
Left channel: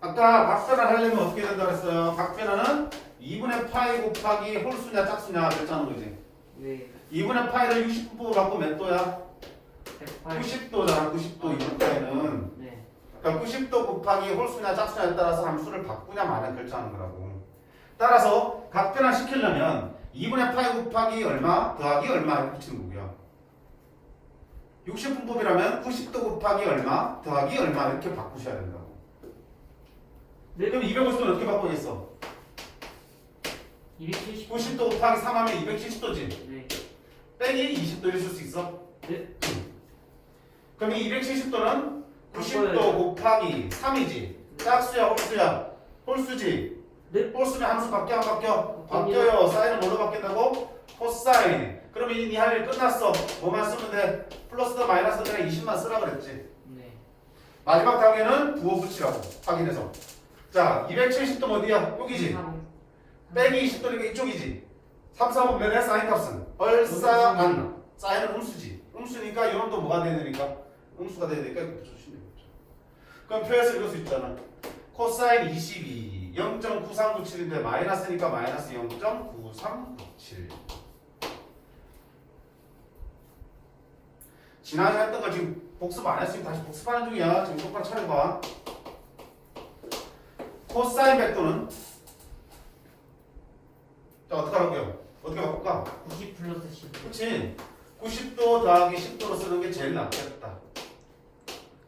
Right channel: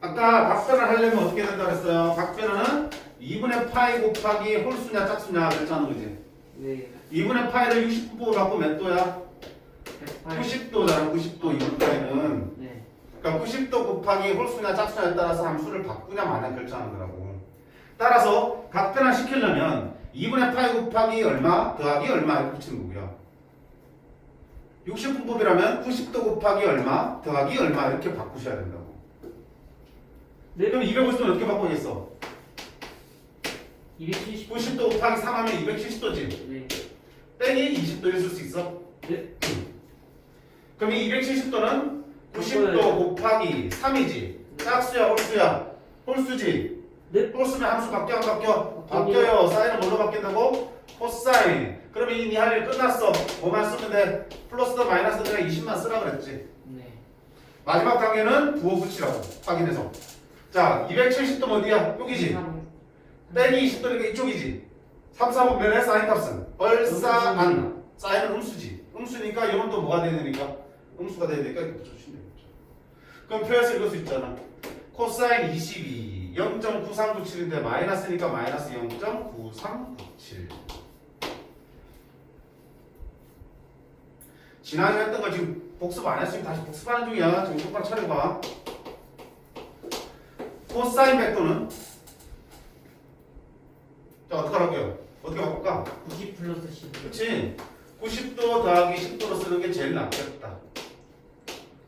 아까 각변을 하려면 어떻게 된다 그랬어요? 각변은 2분의 파이 곱하기 홀수냐 짝수냐 그랬잖아, 그지? 네. 2분의 파이를 60도 갖고 몇 도야? 108. 90도잖아, 90도 2분의 파이는. 네. 그러니까 90도 곱하기 홀수냐 짝수냐에 따라서 함수를 바꾸냐 마냐 결정하는 거라고. 따라서 각변화 시키려면 2분의 파이 곱하기 얼마 더하기 얼마 이렇게 붙이는 거고요. 60분법이라면 90도 곱하기 얼마 더하기 얼마 이렇게 바꾸셔야 된다고. 네. 그럼 250도는 어떻게 바꾸겠어? 270. 90도 곱하기 3 하면 270도지. 네. 땡이 20도일 수 있어? 네. 그럼 이 270도는 90도 곱하기 3이지. 짝수야 홀수야? 홀수지. 네. 홀수면 함수 바뀌어 안 바뀌어? 바뀌어요. 바뀌어요. 사인은 뭘로 바뀐다고? 코사인. 그러면 이 할 일 끝났어. 뭐만 쓰면 돼? 플러스든 마이너스든 그냥 20만 쓰라 그랬지. 네. 마지막 단계는 부호 붙이라고 확인해서. 자, 270도 어디야? 여기지. 빼기 20도니까 이쪽이지. 3, 4분면의 사인 값은 얼싸안. 사인은 음수지. 음수니까 이런 또 뭐가 돼야 되니까? 음수가 돼야 되니까 이렇게 붙여주시면 되겠죠. 그럼 표에서 읽을 수 있잖아. 코사인 22 0.9397인데 마이너스니까 마이너스 0.9397. 지난해 했던 거 지금 복습 안 했으니까 다시 복습하는 중이야. 지금 똑바로 차려봐. 코사인 백도는 자, 어떡하라고요? 어떻게 바꿀까? 90 플러스 10. 그치? 90도 더하기 10도로 쓰는 게 제일 낫겠다.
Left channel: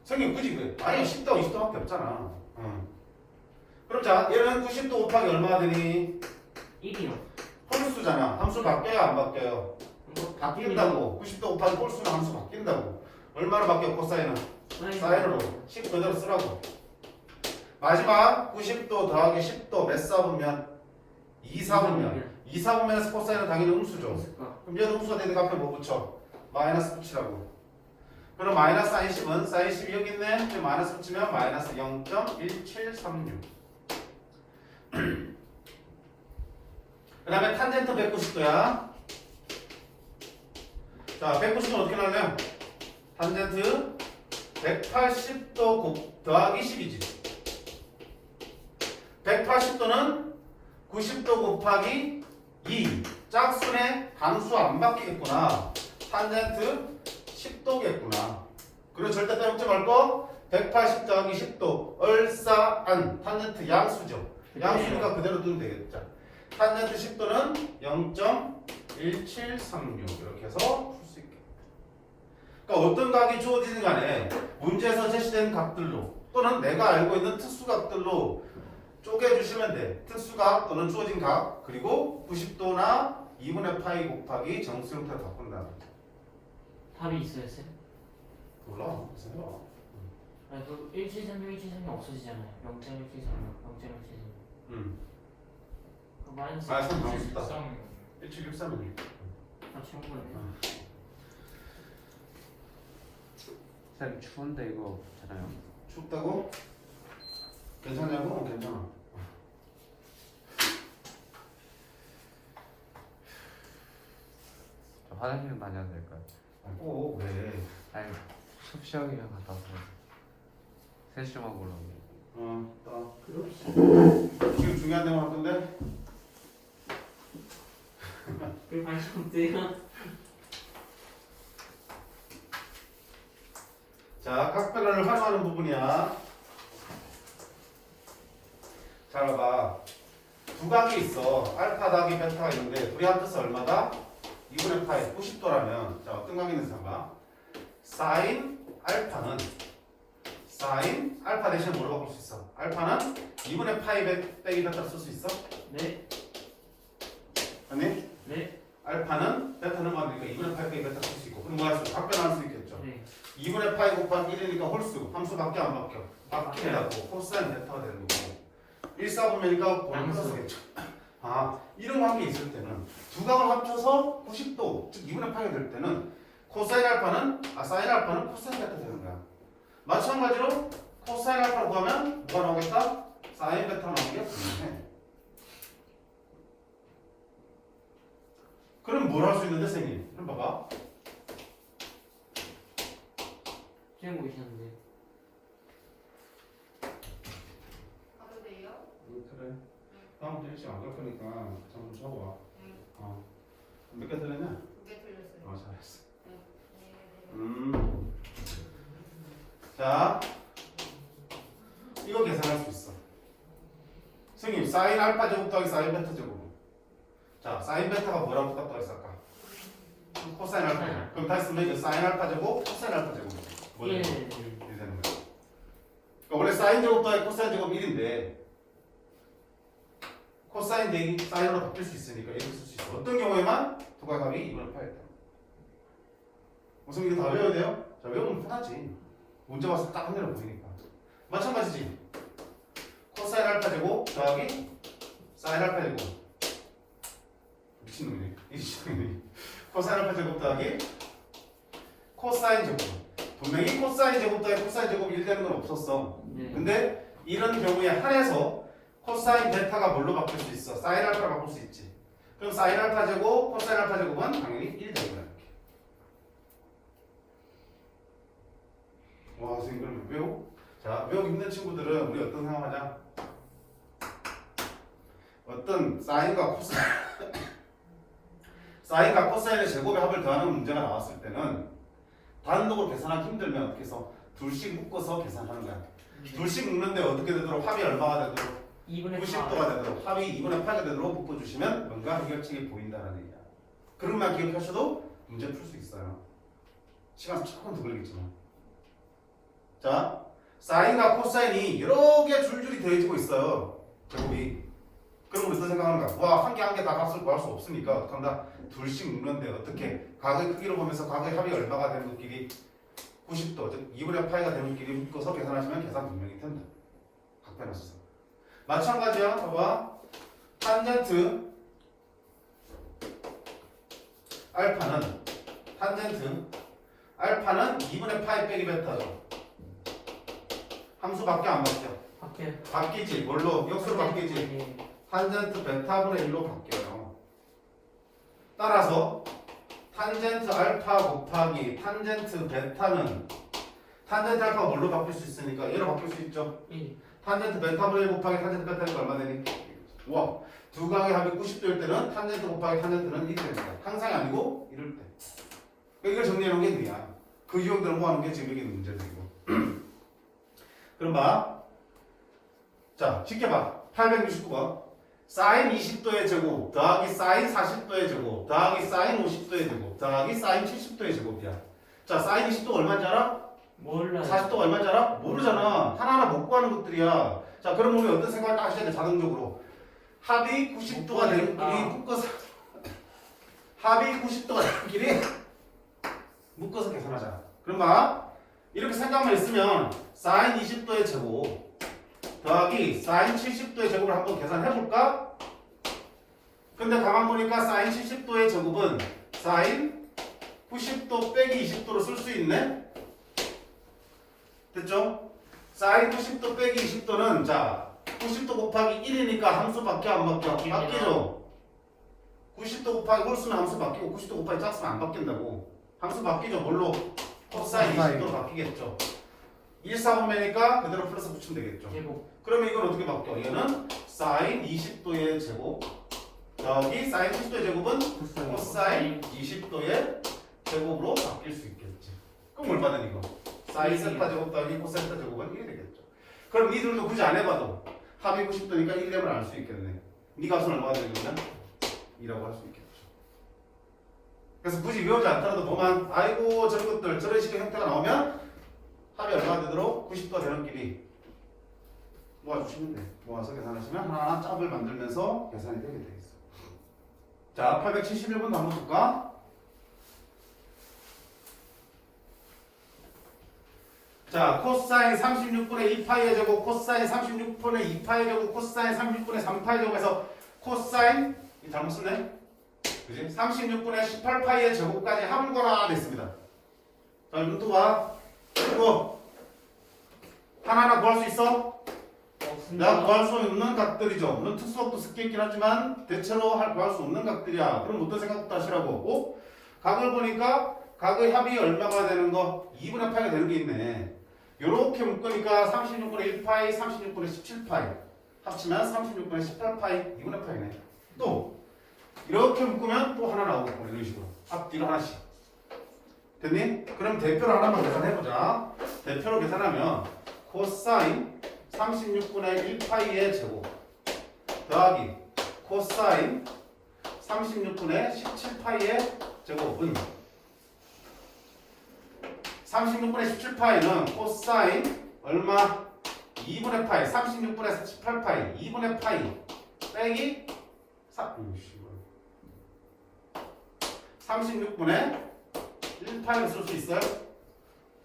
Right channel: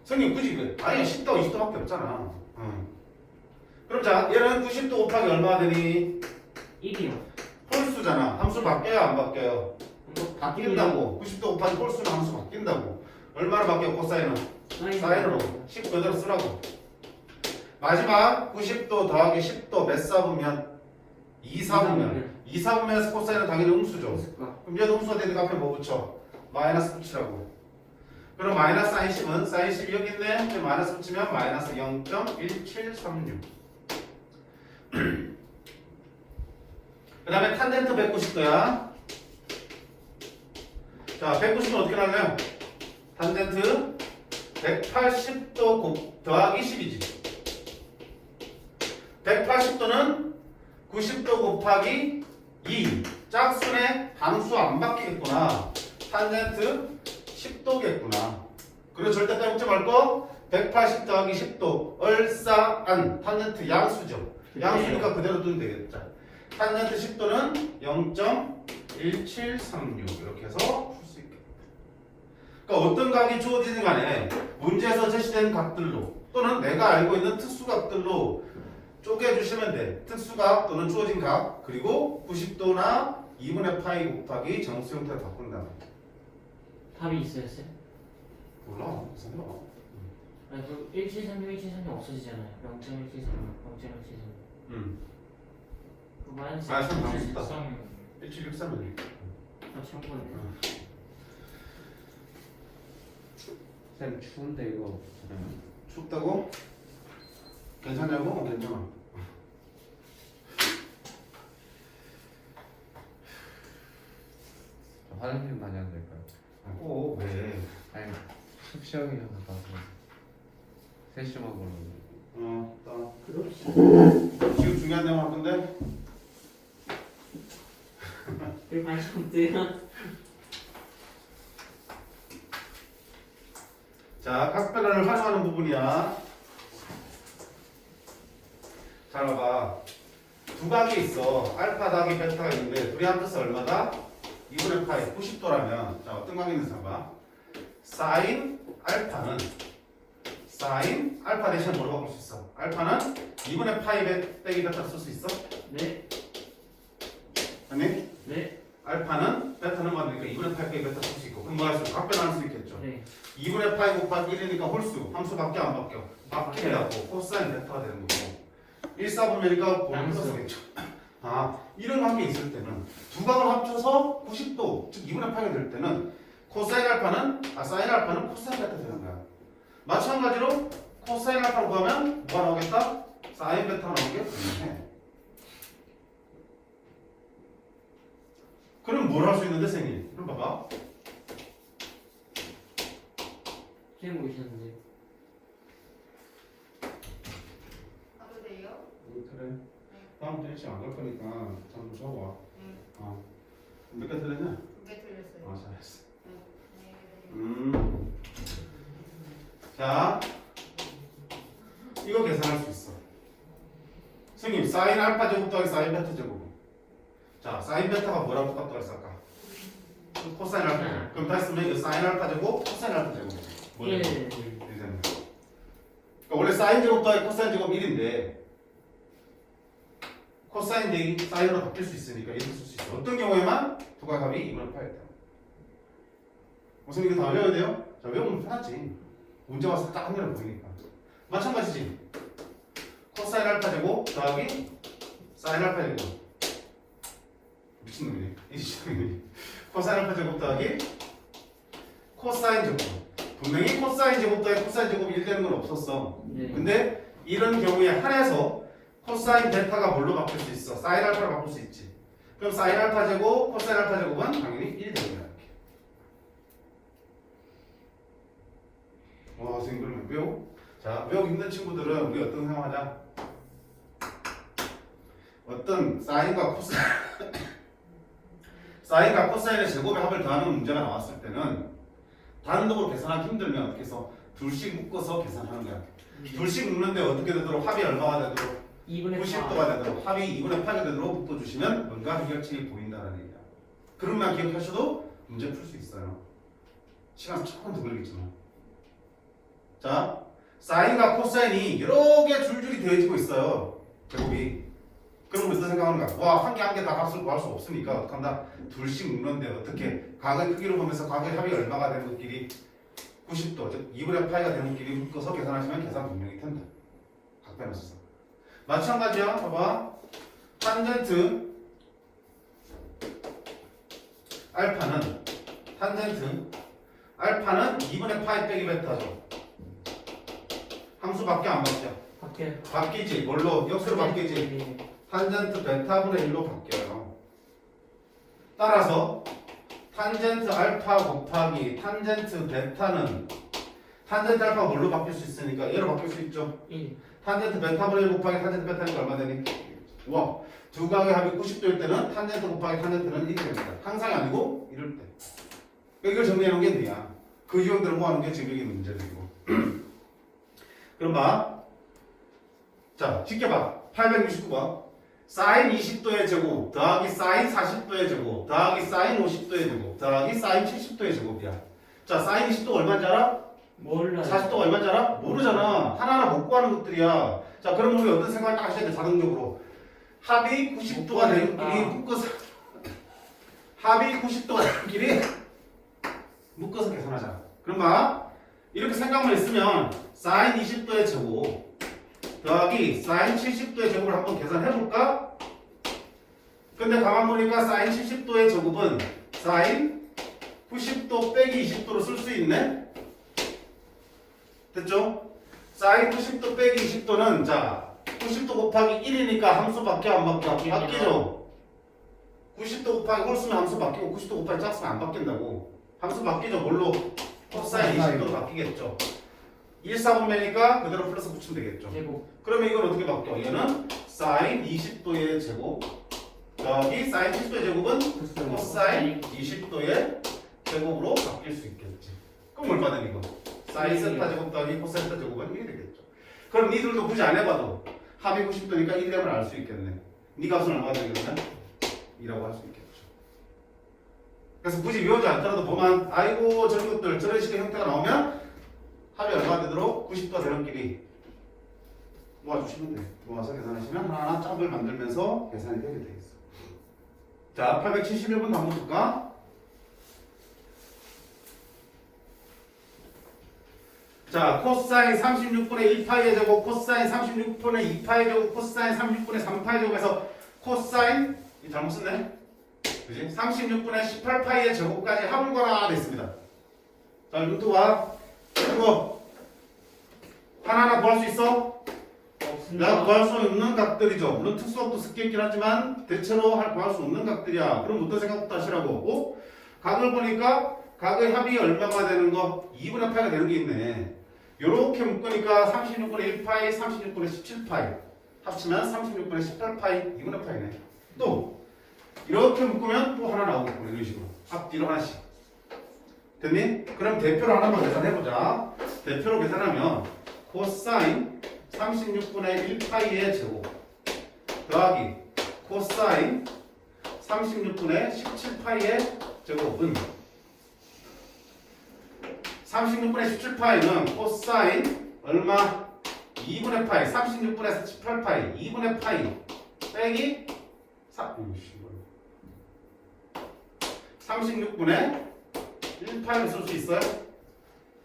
성경 그지? 그래. 아니 10도 20도밖에 없잖아. 그럼 자, 얘는 90도 곱하기 얼마가 되니? 1이요. 홀수잖아. 함수 바뀌어요 안 바뀌어요? 바뀐다고. 90도 곱하기 홀수는 함수 바뀐다고. 얼마로 바뀌어 코사인은? 사인으로 10 그대로 쓰라고. 마지막 90도 더하기 10도 몇 사분면? 2사분면. 2사분면에서 코사인은 당연히 음수죠. 그럼 얘도 음수가 되니까 앞에 뭐 붙여? 마이너스 붙이라고. 그럼 마이너스 사인 10은 사인 10이 여기 있네. 근데 마이너스 붙이면 마이너스 0.1736. 그 다음에 탄젠트 190도야. 자, 190도는 어떻게 나와요? 탄젠트 180도 더하기 10이지. 180도는 90도 곱하기 2. 짝수네 함수 안 바뀌겠구나. 탄젠트 10도겠구나. 그리고 절대값 묻지 말고 180 더하기 10도 얼싸안 탄젠트 양수죠. 양수니까 그대로 두면 되겠죠. 탄젠트 10도는 0.1736 이렇게 해서 풀 수 있겠다. 그러니까 어떤 각이 주어지든 간에 문제에서 제시된 각들로 또는 내가 알고 있는 특수각들로 쪼개주시면 돼. 특수각 또는 주어진 각 그리고 90도나 2분의 파이 곱하기 정수 형태로 바꾼다. 답이 있어요, 쌤? 몰라. 생각. 아니, 그 1736, 1736 없어지잖아요. 0.1736, 0.1736. 그 마이너스 아, 참 많다. 13. 1763은 아, 참고로. 쌤 추운데 이거 괜찮아요? 춥다고? 괜찮냐고? 괜찮아. 저 화장실 많이 안 될까요? 꼭 왜? 아니 숲 시작이랑 갔다 와서 3시 좀 하고 그러는데 지금 중요한 내용 할 건데 왜 관심 없대요? 자, 각별을 활용하는 부분이야. 잘 봐봐. 두 각이 있어. 알파 더하기 베타가 있는데 둘이 합쳐서 얼마다? 2분의 파이 90도라면 자 어떤 관계 있는지 봐봐. 사인 알파는 사인 알파 대신 뭐로 바꿀 수 있어? 알파는 2분의 파이 빼기 베타 쓸 수 있어? 네, 아니? 네, 알파는 베타는 맞으니까 2분의 파이 빼기 베타 쓸 수 있고 그럼 뭐 할 수 있어? 각별할 수 있겠죠. 네. 2분의 파이 곱하기 1이니까 홀수 함수 바뀌어 안 바뀌어? 바뀌라고 코사인 베타가 되는 거고 1사분면이니까 본인 플러스겠죠. 아 이런 관계 있을 때는 두 각을 합쳐서 90도 즉 2분의 파이가 될 때는 코사인 알파는 사인 알파는 코사인 베타 되는 거야. 마찬가지로 코사인 알파를 구하면 뭐가 나오겠다? 사인 베타가 나오게 되네. 그럼 뭘 할 수 있는데 선생님? 그럼 봐봐. 쌤 보이셨는데. 가도 돼요? 그래. 다음부터 일찍 안 갈 거니까 잠 좀 자고 와. 네. 몇 개 틀렸냐? 2개 틀렸어요. 잘했어. 네. 안녕히 계세요. 자, 이거 계산할 수 있어. 선생님, 사인 알파 제곱 더하기 사인 베타 제곱. 자, 사인 베타가 뭐랑 똑같다고 했을까? 코사인 알파. 그럼 다시 쓰면 이제 사인 알파 제곱, 코사인 알파 제곱. 뭐죠? 1. 1 되는 거야. 그러니까 원래 사인 제곱 더하기 코사인 제곱 1인데 코사인 대기 사인으로 바뀔 수 있으니까 이렇게 쓸 수 있어. 어떤 경우에만 두 각합이 2분의 8이 돼요. 무슨 이거 다 외워야 돼요? 자, 외우면 편하지. 문제 봤을 때 딱 한 개로 보이니까. 마찬가지지. 코사인 알파 제곱 더하기 사인 알파 제곱. 미친놈이네. 이 시장이네. 코사인 알파 제곱 더하기 코사인 제곱. 분명히 코사인 제곱 더하기 코사인 제곱이 1 되는 건 없었어. 네. 근데 이런 경우에 한해서 코사인 베타가 뭘로 바뀔 수 있어? 사인 알파로 바꿀 수 있지. 그럼 사인 알파 제곱, 코사인 알파 제곱은 당연히 1 되는 거야. 이렇게. 와, 선생님 그러면 외워? 자, 외우기 힘든 친구들은 우리 어떤 상황하자? 어떤 사인과 코사인 사인과 코사인의 제곱의 합을 더하는 문제가 나왔을 때는 단독으로 계산하기 힘들면 어떻게 해서 둘씩 묶어서 계산하는 거야. 둘씩 묶는데 어떻게 되도록 합이 얼마가 되도록 2분의 90도가 되도록 합이 2분의 8이 되도록 묶어주시면 뭔가 해결책이 보인다는 얘기야. 그런만 기억하셔도 문제 풀 수 있어요. 시간 조금 더 걸리겠지만. 자, 사인과 코사인이 여러 개 줄줄이 더해지고 있어요. 제곱이. 그럼 무슨 생각하는가? 와, 한 개 한 개 다 값을 구할 수 없으니까 어떡한다? 둘씩 묶는데 어떻게 각의 크기로 보면서 각의 합이 얼마가 되는 것끼리 90도, 즉 2분의 파이가 되는 길이 묶어서 계산하시면 계산 분명히 된다. 각변했어. 마찬가지야. 봐봐. 탄젠트 알파는 2분의 파이 빼기 베타죠. 함수 바뀌어 안 바뀌어? 밖에 바뀌지. 뭘로? 역수로 바뀌지. 네. 탄젠트 베타분의 1로 바뀌어요. 따라서 탄젠트 알파 곱하기 탄젠트 베타는 탄젠트 알파가 뭘로 바뀔 수 있으니까 얘로 바뀔 수 있죠. 1. 탄젠트 베타분의 1 곱하기 탄젠트 베타니까 얼마 되니? 와, 두 각의 합이 90도일 때는 탄젠트 곱하기 탄젠트는 1이 됩니다. 항상이 아니고 이럴 때. 이걸 정리해 놓은 게 뭐야? 그 유형들을 모아놓은 게 지금 여기 있는 문제들이고. 그럼 봐. 자, 지켜봐. 869번. 사인 20도의 제곱 더하기 사인 40도의 제곱 더하기 사인 50도의 제곱 더하기 사인 70도의 제곱이야. 자, 사인 20도가 얼마인지 알아? 몰라요. 40도가 얼마인지 알아? 모르잖아. 하나하나 못 구하는 것들이야. 자, 그럼 우리 어떤 생각을 딱 하셔야 돼, 자동적으로. 합이 90도가 되는 길이 묶어서 합이 90도가 되는 길이 묶어서 계산하자. 그럼 봐. 이렇게 생각만 있으면 사인 20도의 제곱 더하기 사인 70도의 제곱을 한번 계산해볼까? 근데 가만 보니까 사인 70도의 제곱은 사인 90도 빼기 20도로 쓸 수 있네? 됐죠? 사인 90도 빼기 20도는 자 90도 곱하기 1이니까 함수 바뀌어 안 바뀌어? 바뀌죠? 90도 곱하기 홀 쓰면 함수 바뀌고 90도 곱하기 짝 쓰면 안 바뀐다고. 함수 바뀌죠? 뭘로? 코사인 20도로 바뀌겠죠? 1, 4분면이니까 그대로 플러스 붙이면 되겠죠? 제곱. 그러면 이건 어떻게 바뀌어? 얘는 사인 20도의 제곱 더하기 사인 70도의 제곱은 코사인 20도의 제곱으로 바뀔 수 있겠지. 그럼 얼마든 이거 사인 세타 제곱 더하기 코사인 세타 제곱은 1이 되겠죠. 그럼 니들도 굳이 안 해봐도 합이 90도니까 1 되면 알 수 있겠네. 니 값은 얼마가 되겠냐? 2라고 할 수 있겠죠. 그래서 굳이 외우지 않더라도 보면 아이고 저런 것들 저런 식의 형태가 나오면 합이 얼마가 되도록 90도가 되는 길이 모아주시면 돼. 모아서 계산하시면 하나하나 짝을 만들면서 계산이 되게 돼 있어. 자, 871번 한번 볼까? 자, 코사인 36분의 2파이의 제곱, 코사인 36분의 2파이의 제곱, 코사인 36분의 3파이의 제곱에서 코사인 이 잘못 썼네. 그지? 36분의 18파이의 제곱까지 합을 구하라 됐습니다. 자, 눈도 봐. 이거 하나하나 구할 수 있어? 나 구할 수 없는 각들이죠. 물론 특수각도 섞여있긴 하지만 대체로 구할 수 없는 각들이야. 그럼 어떤 생각부터 하시라고? 각을 보니까 각의 합이 얼마가 되는 거? 2분의 파이가 되는 게 있네. 요렇게 묶으니까 36분의 1파이, 36분의 17파이 합치면 36분의 18파이, 2분의 파이네. 또 이렇게 묶으면 또 하나 나오고 이런 식으로 앞뒤로 하나씩. 됐니? 그럼 대표로 하나만 계산해보자. 대표로 계산하면 코사인 36분의 1파이의 제곱 더하기 코사인 36분의 17파이의 제곱은 36분의 17파이는 코사인 얼마? 2분의 파이 36분의 18파이 2분의 파이 빼기 36분의 1파이로 쓸 수 있어요?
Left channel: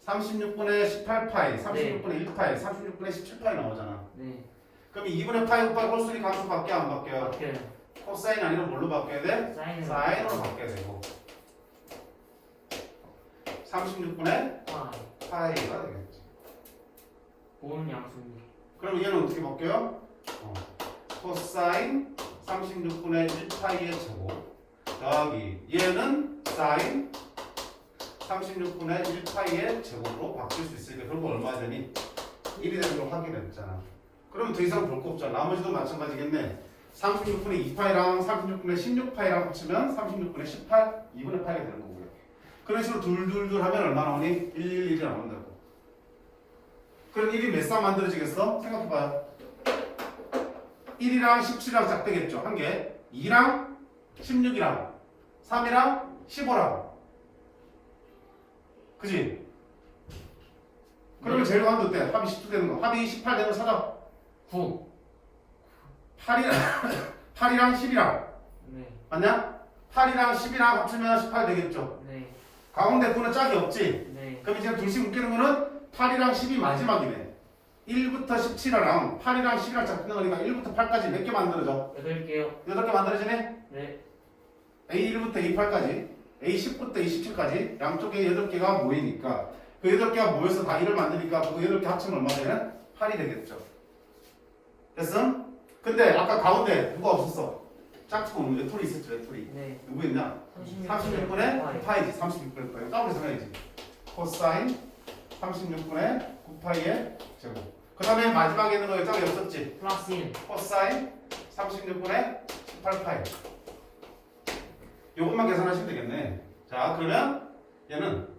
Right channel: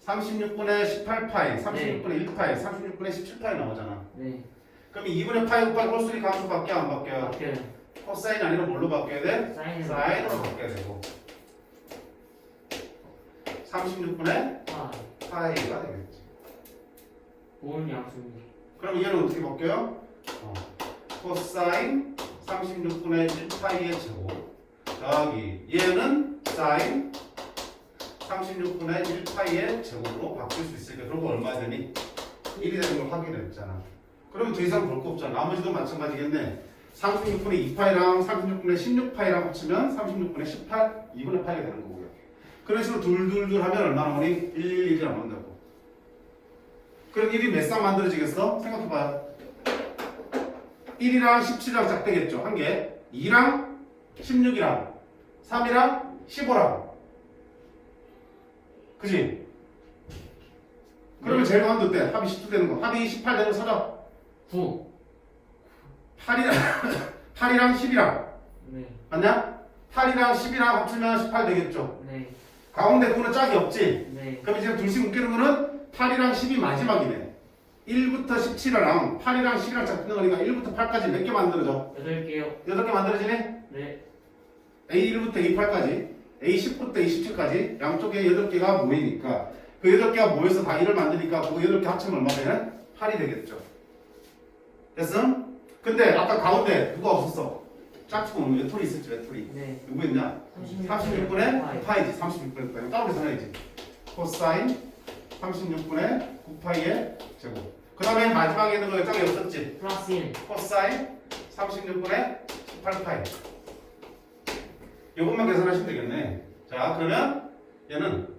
36분의 18파이, 36분의 1파이, 36분의 17파이 나오잖아. 네. 그럼 2분의 파이 곱하기 홀수리 함수 바뀌어 안 바뀌어요? 바뀌어요. 코사인 아니면 뭘로 바뀌어야 돼? 사인으로. 사인으로 바뀌어야 되고 36분의 와. 파이가 되겠지. 보는 양수입니다. 그럼 얘는 어떻게 바뀌어요? 코사인 36분의 1파이의 제곱 더하기 얘는 사인 36분의 1파이의 제곱으로 바뀔 수 있으니까 그런 거 얼마 되니? 1이 되는 걸 확인했잖아. 그러면 더 이상 볼 거 없잖아. 나머지도 마찬가지겠네. 36분의 2파이랑 36분의 16파이랑 합치면 36분의 18, 2분의 파이가 되는 거고요. 그런 식으로 둘둘둘 하면 얼마 나오니? 1, 1이 나온다고. 그럼 1이 몇 쌍 만들어지겠어? 생각해봐요. 1이랑 17이랑 작되겠죠. 한 개. 2랑 16이랑 3이랑 15랑 그지? 그러면 제일 많은 어때? 합이 17 되는 거. 합이 18 되는 거 찾아. 9. 8이랑 10이랑 네. 맞냐? 8이랑 10이랑 합치면 18 되겠죠. 네. 가운데 거는 짝이 없지. 네. 그럼 이제 둘씩 묶이는 거는 8이랑 10이 마지막이네. 1부터 17이랑 8이랑 10이랑 잡히는 거니까 1부터 8까지 몇 개 만들어져? 8개요. 8개 만들어지니? 네. A1부터 A8까지 A10부터 A17까지 양쪽에 8개가 모이니까 그 8개가 모여서 다 1을 만드니까 그 8개 합치면 얼마 되는? 8이 되겠죠. 됐어? 근데 아까 가운데 누가 없었어? 짝퉁은 외톨이 있었지 외톨이. 네. 누구 있냐? 36분의 9파이지. 36분의 9파이. 따로 계산해야지. 코사인 36분의 9파이의 제곱. 그 다음에 마지막에 있는 거 짝이 없었지? 플러스 1. 코사인 36분의 18파이. 요것만 계산하시면 되겠네. 자, 그러면 얘는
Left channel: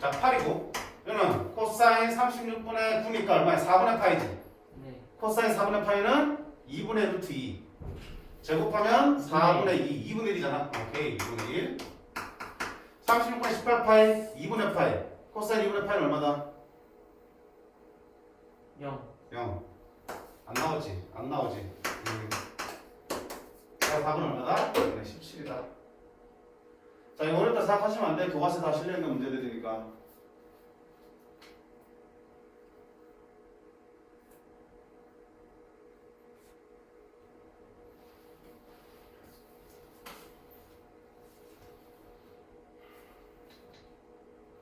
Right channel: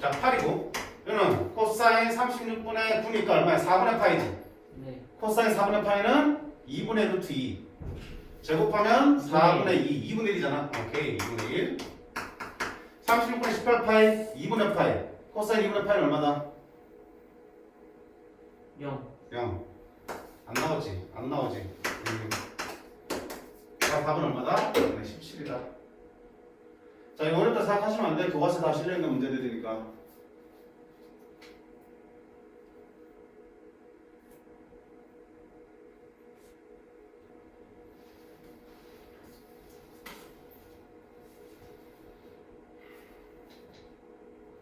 자 8이고 얘는 코사인 36분의 9니까 얼마야? 4분의 파이지. 네. 코사인 4분의 파이는 2분의 루트 2 제곱하면 4분의 2 2분의 1이잖아. 오케이 2분의 1 36분의 18파이 2분의 파이 코사인 2분의 파이는 얼마다? 0. 0 안 나오지? 안 나오지? 자 답은 얼마다? 네, 17이다. 자 이거 어렵다 생각하시면 안 돼. 교과서 다 실려있는 문제들이니까.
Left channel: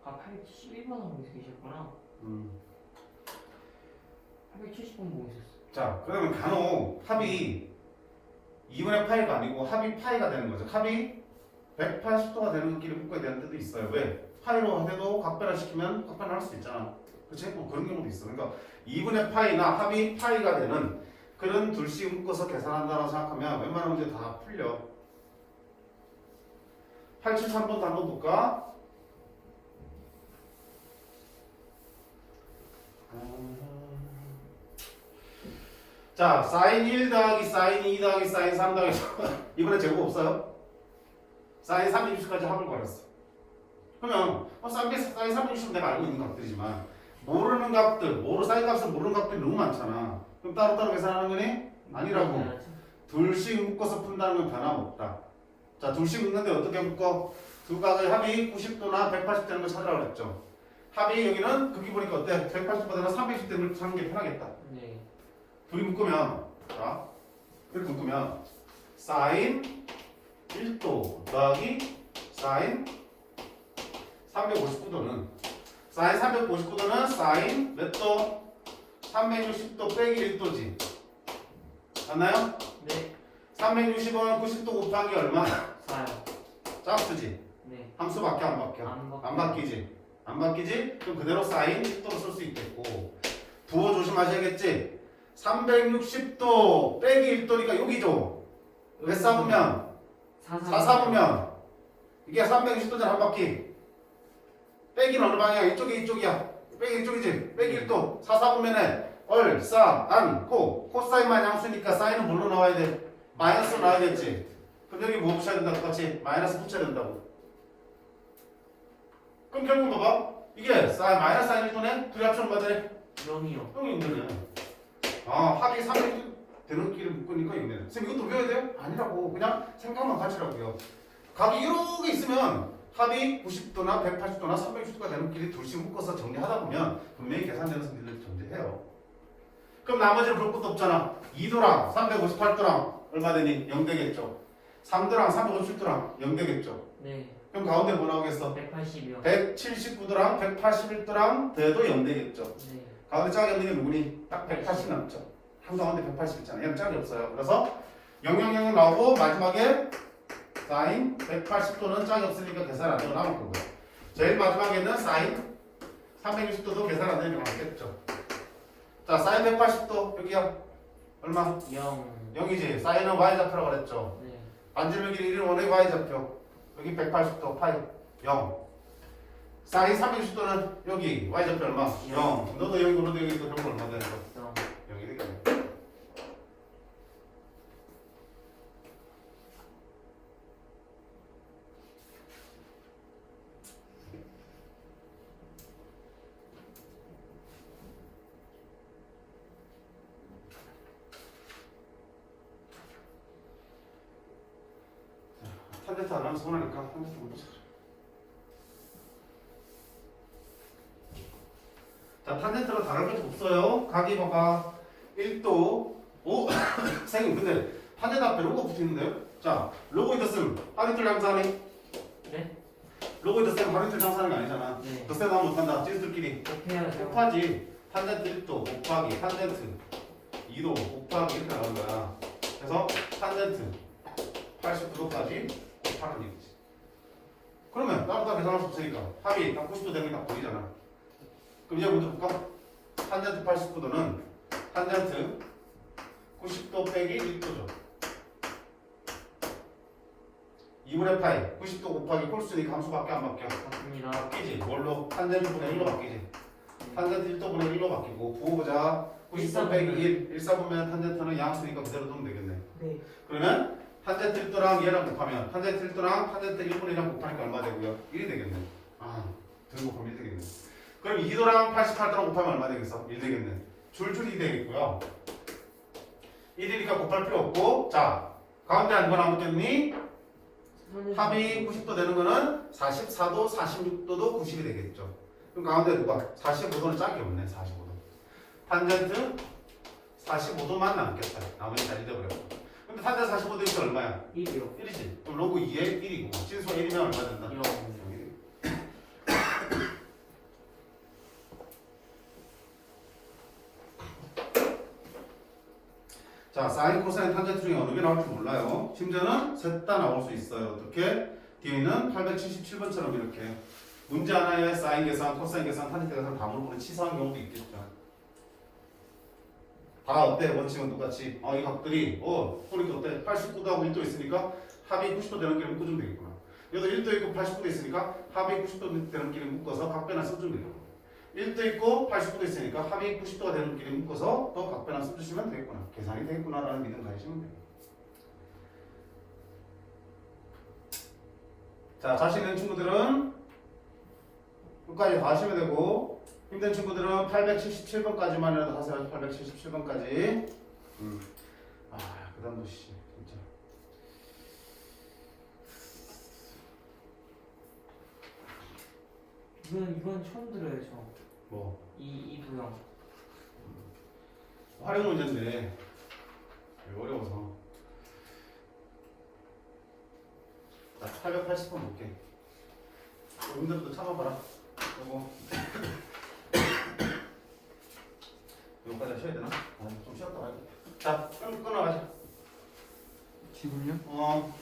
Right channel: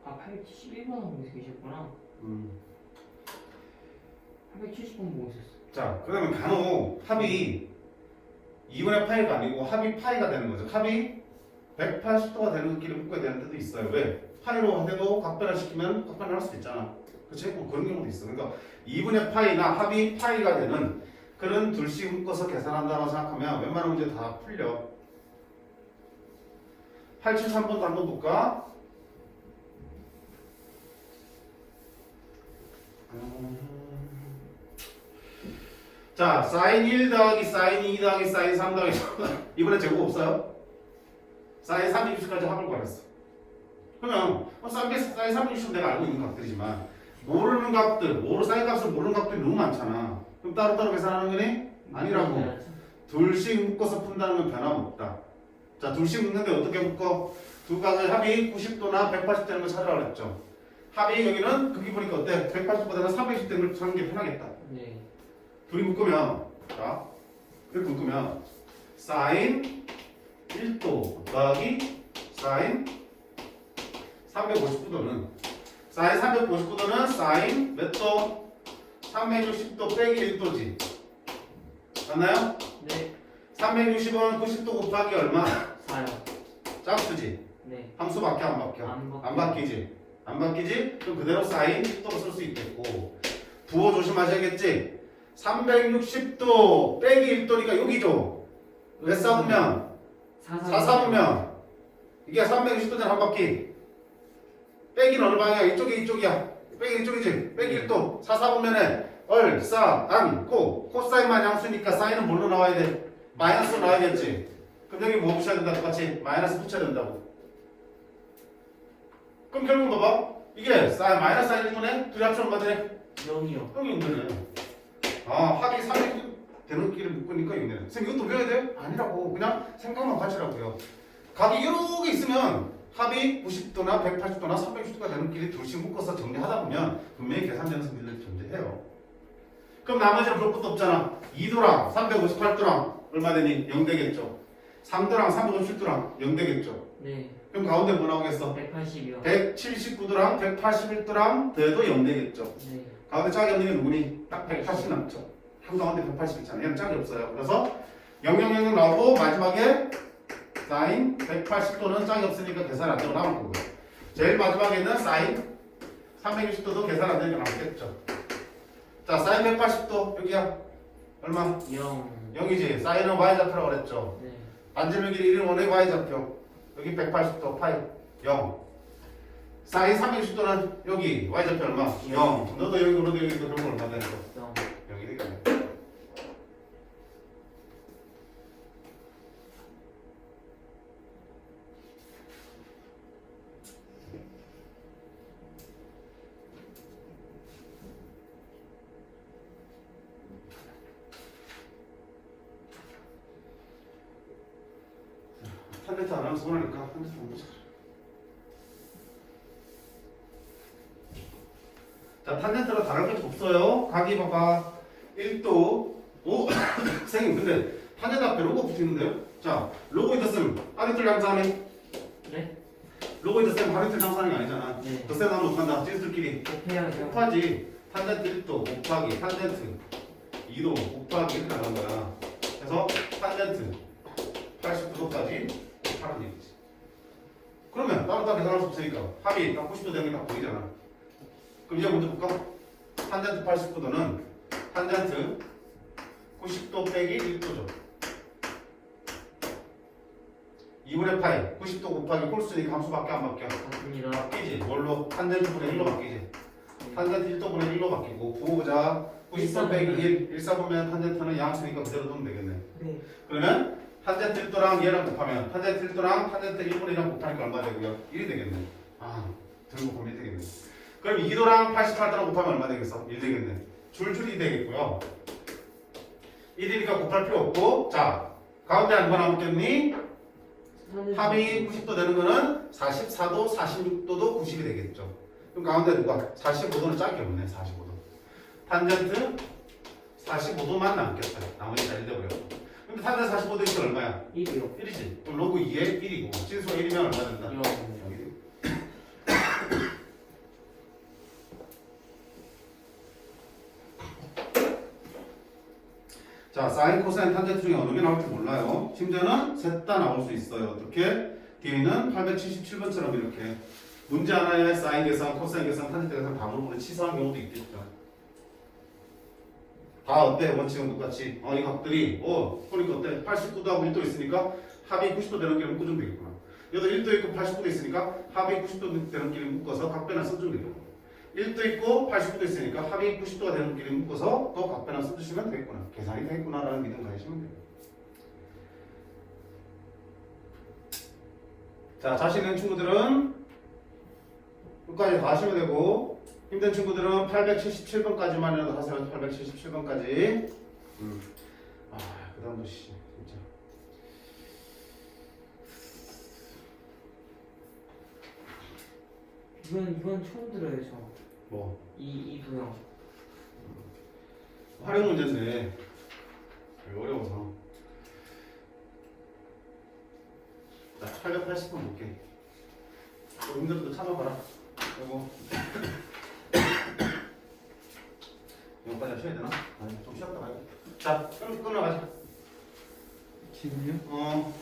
아 871번 하고 계셨구나. 870번 보고 있었어. 자 그러면 간혹 합이 2분의 파이가 아니고 합이 파이가 되는 거죠. 합이 180도가 되는 길을 묶어야 되는 때도 있어요. 왜? 파이로 해도 각변을 시키면 각변을 할 수도 있잖아. 그치? 뭐 그런 경우도 있어. 그러니까 2분의 파이나 합이 파이가 되는 그런 둘씩 묶어서 계산한다고 생각하면 웬만한 문제 다 풀려. 873번도 한번 볼까? 자, 사인 1 더하기 사인 2 더하기 사인 3 더하기 이번에 제곱 없어요? 사인 30까지 합을 구했어. 그러면 사인 30은 내가 알고 있는 값들이지만 모르는 값들, 사인 값을 모르는 값들이 너무 많잖아. 그럼 따로따로 계산하는 거니? 아니라고. 둘씩 묶어서 푼다는 건 변함없다. 자, 둘씩 묶는데 어떻게 묶어? 두 각의 합이 90도나 180 되는 거 찾으라고 그랬죠. 합이 여기는 거기 보니까 어때? 180보다는 320 되는 걸 찾는 게 편하겠다. 네. 둘이 묶으면 자 이렇게 묶으면 사인 1도 더하기 사인 359도는 사인 359도는 사인 몇 도? 360도 빼기 1도지. 맞나요? 네. 360은 90도 곱하기 얼마? 4요. 짝수지. 네. 함수 바뀌어 안 바뀌어? 안 바뀌지. 안 바뀌지? 그럼 그대로 사인 10도로 쓸 수 있겠고 부호 조심하셔야겠지? 360도 빼기 1도니까 여기죠. 왜 싸보면 4사보면 이게 360도잖아 한 바퀴. 빼기는 어느 방향이야? 이쪽이야. 빼기 이쪽이지. 빼기 1도. 4사보면은 얼싸안고 코사인만 양수니까 사인은 뭘로 나와야 돼? 마이너스로 나와야겠지. 그럼 여기 뭐 붙여야 된다? 똑같이 마이너스 붙여야 된다고. 그럼 결국 봐봐. 이게 사인 마이너스 사인 1도네? 둘이 합치면 뭐가 되네? 0이요. 형이 있네. 아, 합이 3이 되는 길을 묶으니까 있네. 선생님 이것도 외워야 돼? 아니라고. 그냥 생각만 가지라고요. 각이 여러 개 있으면 합이 90도나 180도나 360도가 되는 길이 둘씩 묶어서 정리하다 보면 분명히 계산되는 성질을 존재해요. 그럼 나머지는 볼 것도 없잖아. 2도랑 358도랑 얼마 되니? 0 되겠죠. 3도랑 357도랑 0 되겠죠. 네. 그럼 가운데 뭐 나오겠어? 180이요. 179도랑 181도랑 더해도 0 되겠죠. 네. 가운데 짝이 없는 게 누구니? 딱 180 남죠. 한 가운데 180 있잖아요. 얘는 짝이 없어요. 그래서 000은 나오고 마지막에 사인 180도는 짝이 없으니까 계산 안 되고 남을 거고요. 제일 마지막에는 사인 360도도 계산 안 되니까 남겠죠. 자, 사인 180도 여기야. 얼마? 0. 0이지. 사인은 y좌표라고 그랬죠. 네. 반지름 길이 1은 원의 y좌표. 여기 180도 파이 0. 사인 360도는 여기 y좌표 얼마? 0. 너도 여기 너도 여기도 그런 거 얼마 되는 거? 0. 여기 되겠네. 탄젠트 안 하면 손해니까 탄젠트 안 보자. 자, 탄젠트가 다를 게 없어요. 각이 봐봐. 1도. 오, 선생님 근데 탄젠트 앞에 로고 붙이는데요? 자, 로고이드 쌤 하리틀 장사하네. 네? 로고이드 쌤 하리틀 장사하는 게 아니잖아. 네. 더 세다 하면 어떡한다? 지수들끼리 곱해야죠. 곱하지. 탄젠트 1도 곱하기 탄젠트 2도 곱하기 이렇게 나온 거야. 그래서 탄젠트 89도까지 곱하는 얘기지. 그러면 따로따로 계산할 수 없으니까 합이 딱 90도 되는 게 다 보이잖아. 그럼 이제 먼저 볼까? 탄젠트 89도는 탄젠트 90도 빼기 1도죠. 2분의 파이 90도 곱하기 홀수니까 함수밖에 안 바뀌어. 맞습니다. 바뀌지. 뭘로? 탄젠트 분의 1로 바뀌지. 탄젠트 1도분의 1로 바뀌고 부호보자 90도 빼기 1 1사분면 탄젠트는 양수니까 그대로 두면 되겠네. 네. 그러면 탄젠트 1도랑 얘랑 곱하면 탄젠트 1도랑 탄젠트 1분의 1이랑 곱하니까 얼마 되고요? 1이 되겠네. 아 들고 보면 1 되겠네. 그럼 2도랑 88도랑 곱하면 얼마 되겠어? 1 되겠네. 줄줄이 되겠고요. 1이니까 곱할 필요 없고 자 가운데 한 번 남겠니? 합이 90도 되는 거는 44도, 46도도 90이 되겠죠. 그럼 가운데 누가? 45도는 짝이 없네. 45도. 탄젠트 45도만 남겠다. 나머지 잘 잊어버려. 근데 탄젠트 45도 있으면 얼마야? 1이요. 1이지. 그럼 로그 2에 1이고 진수가 1이면 얼마 된다? 1요. 자, 사인, 코사인, 탄젠트 중에 어느 게 나올지 몰라요. 심지어는 셋 다 나올 수 있어요. 어떻게? 뒤에는 877번처럼 이렇게 문제 하나에 사인 계산, 코사인 계산, 탄젠트 계산 다 물어보는 치사한 경우도 있겠죠. 다 어때? 원칙은 똑같이. 이 각들이 그러니까 어때? 89도하고 1도 있으니까 합이 90도 되는 길을 묶어주면 되겠구나. 여기도 1도 있고 89도 있으니까 합이 90도 되는 길을 묶어서 각변을 써주면 되겠구나. 1도 있고 89도 있으니까 합이 90도가 되는 길을 묶어서 또 각변을 써주시면 되겠구나. 계산이 되겠구나라는 믿음 가지시면 돼요. 자, 자신 있는 친구들은 끝까지 다 하시면 되고 힘든 친구들은 877번까지만이라도 하세요. 877번까지. 그 다음도 진짜. 이건 처음 들어요, 저. 뭐 이 도형. 활용 문제인데 어려워서. 자, 880번 볼게. 힘들어도 참아봐라. 그리고 여기까지 쉬어야 되나? 좀 쉬었다 가야겠다. 자, 끊어가자. 지금요? 어.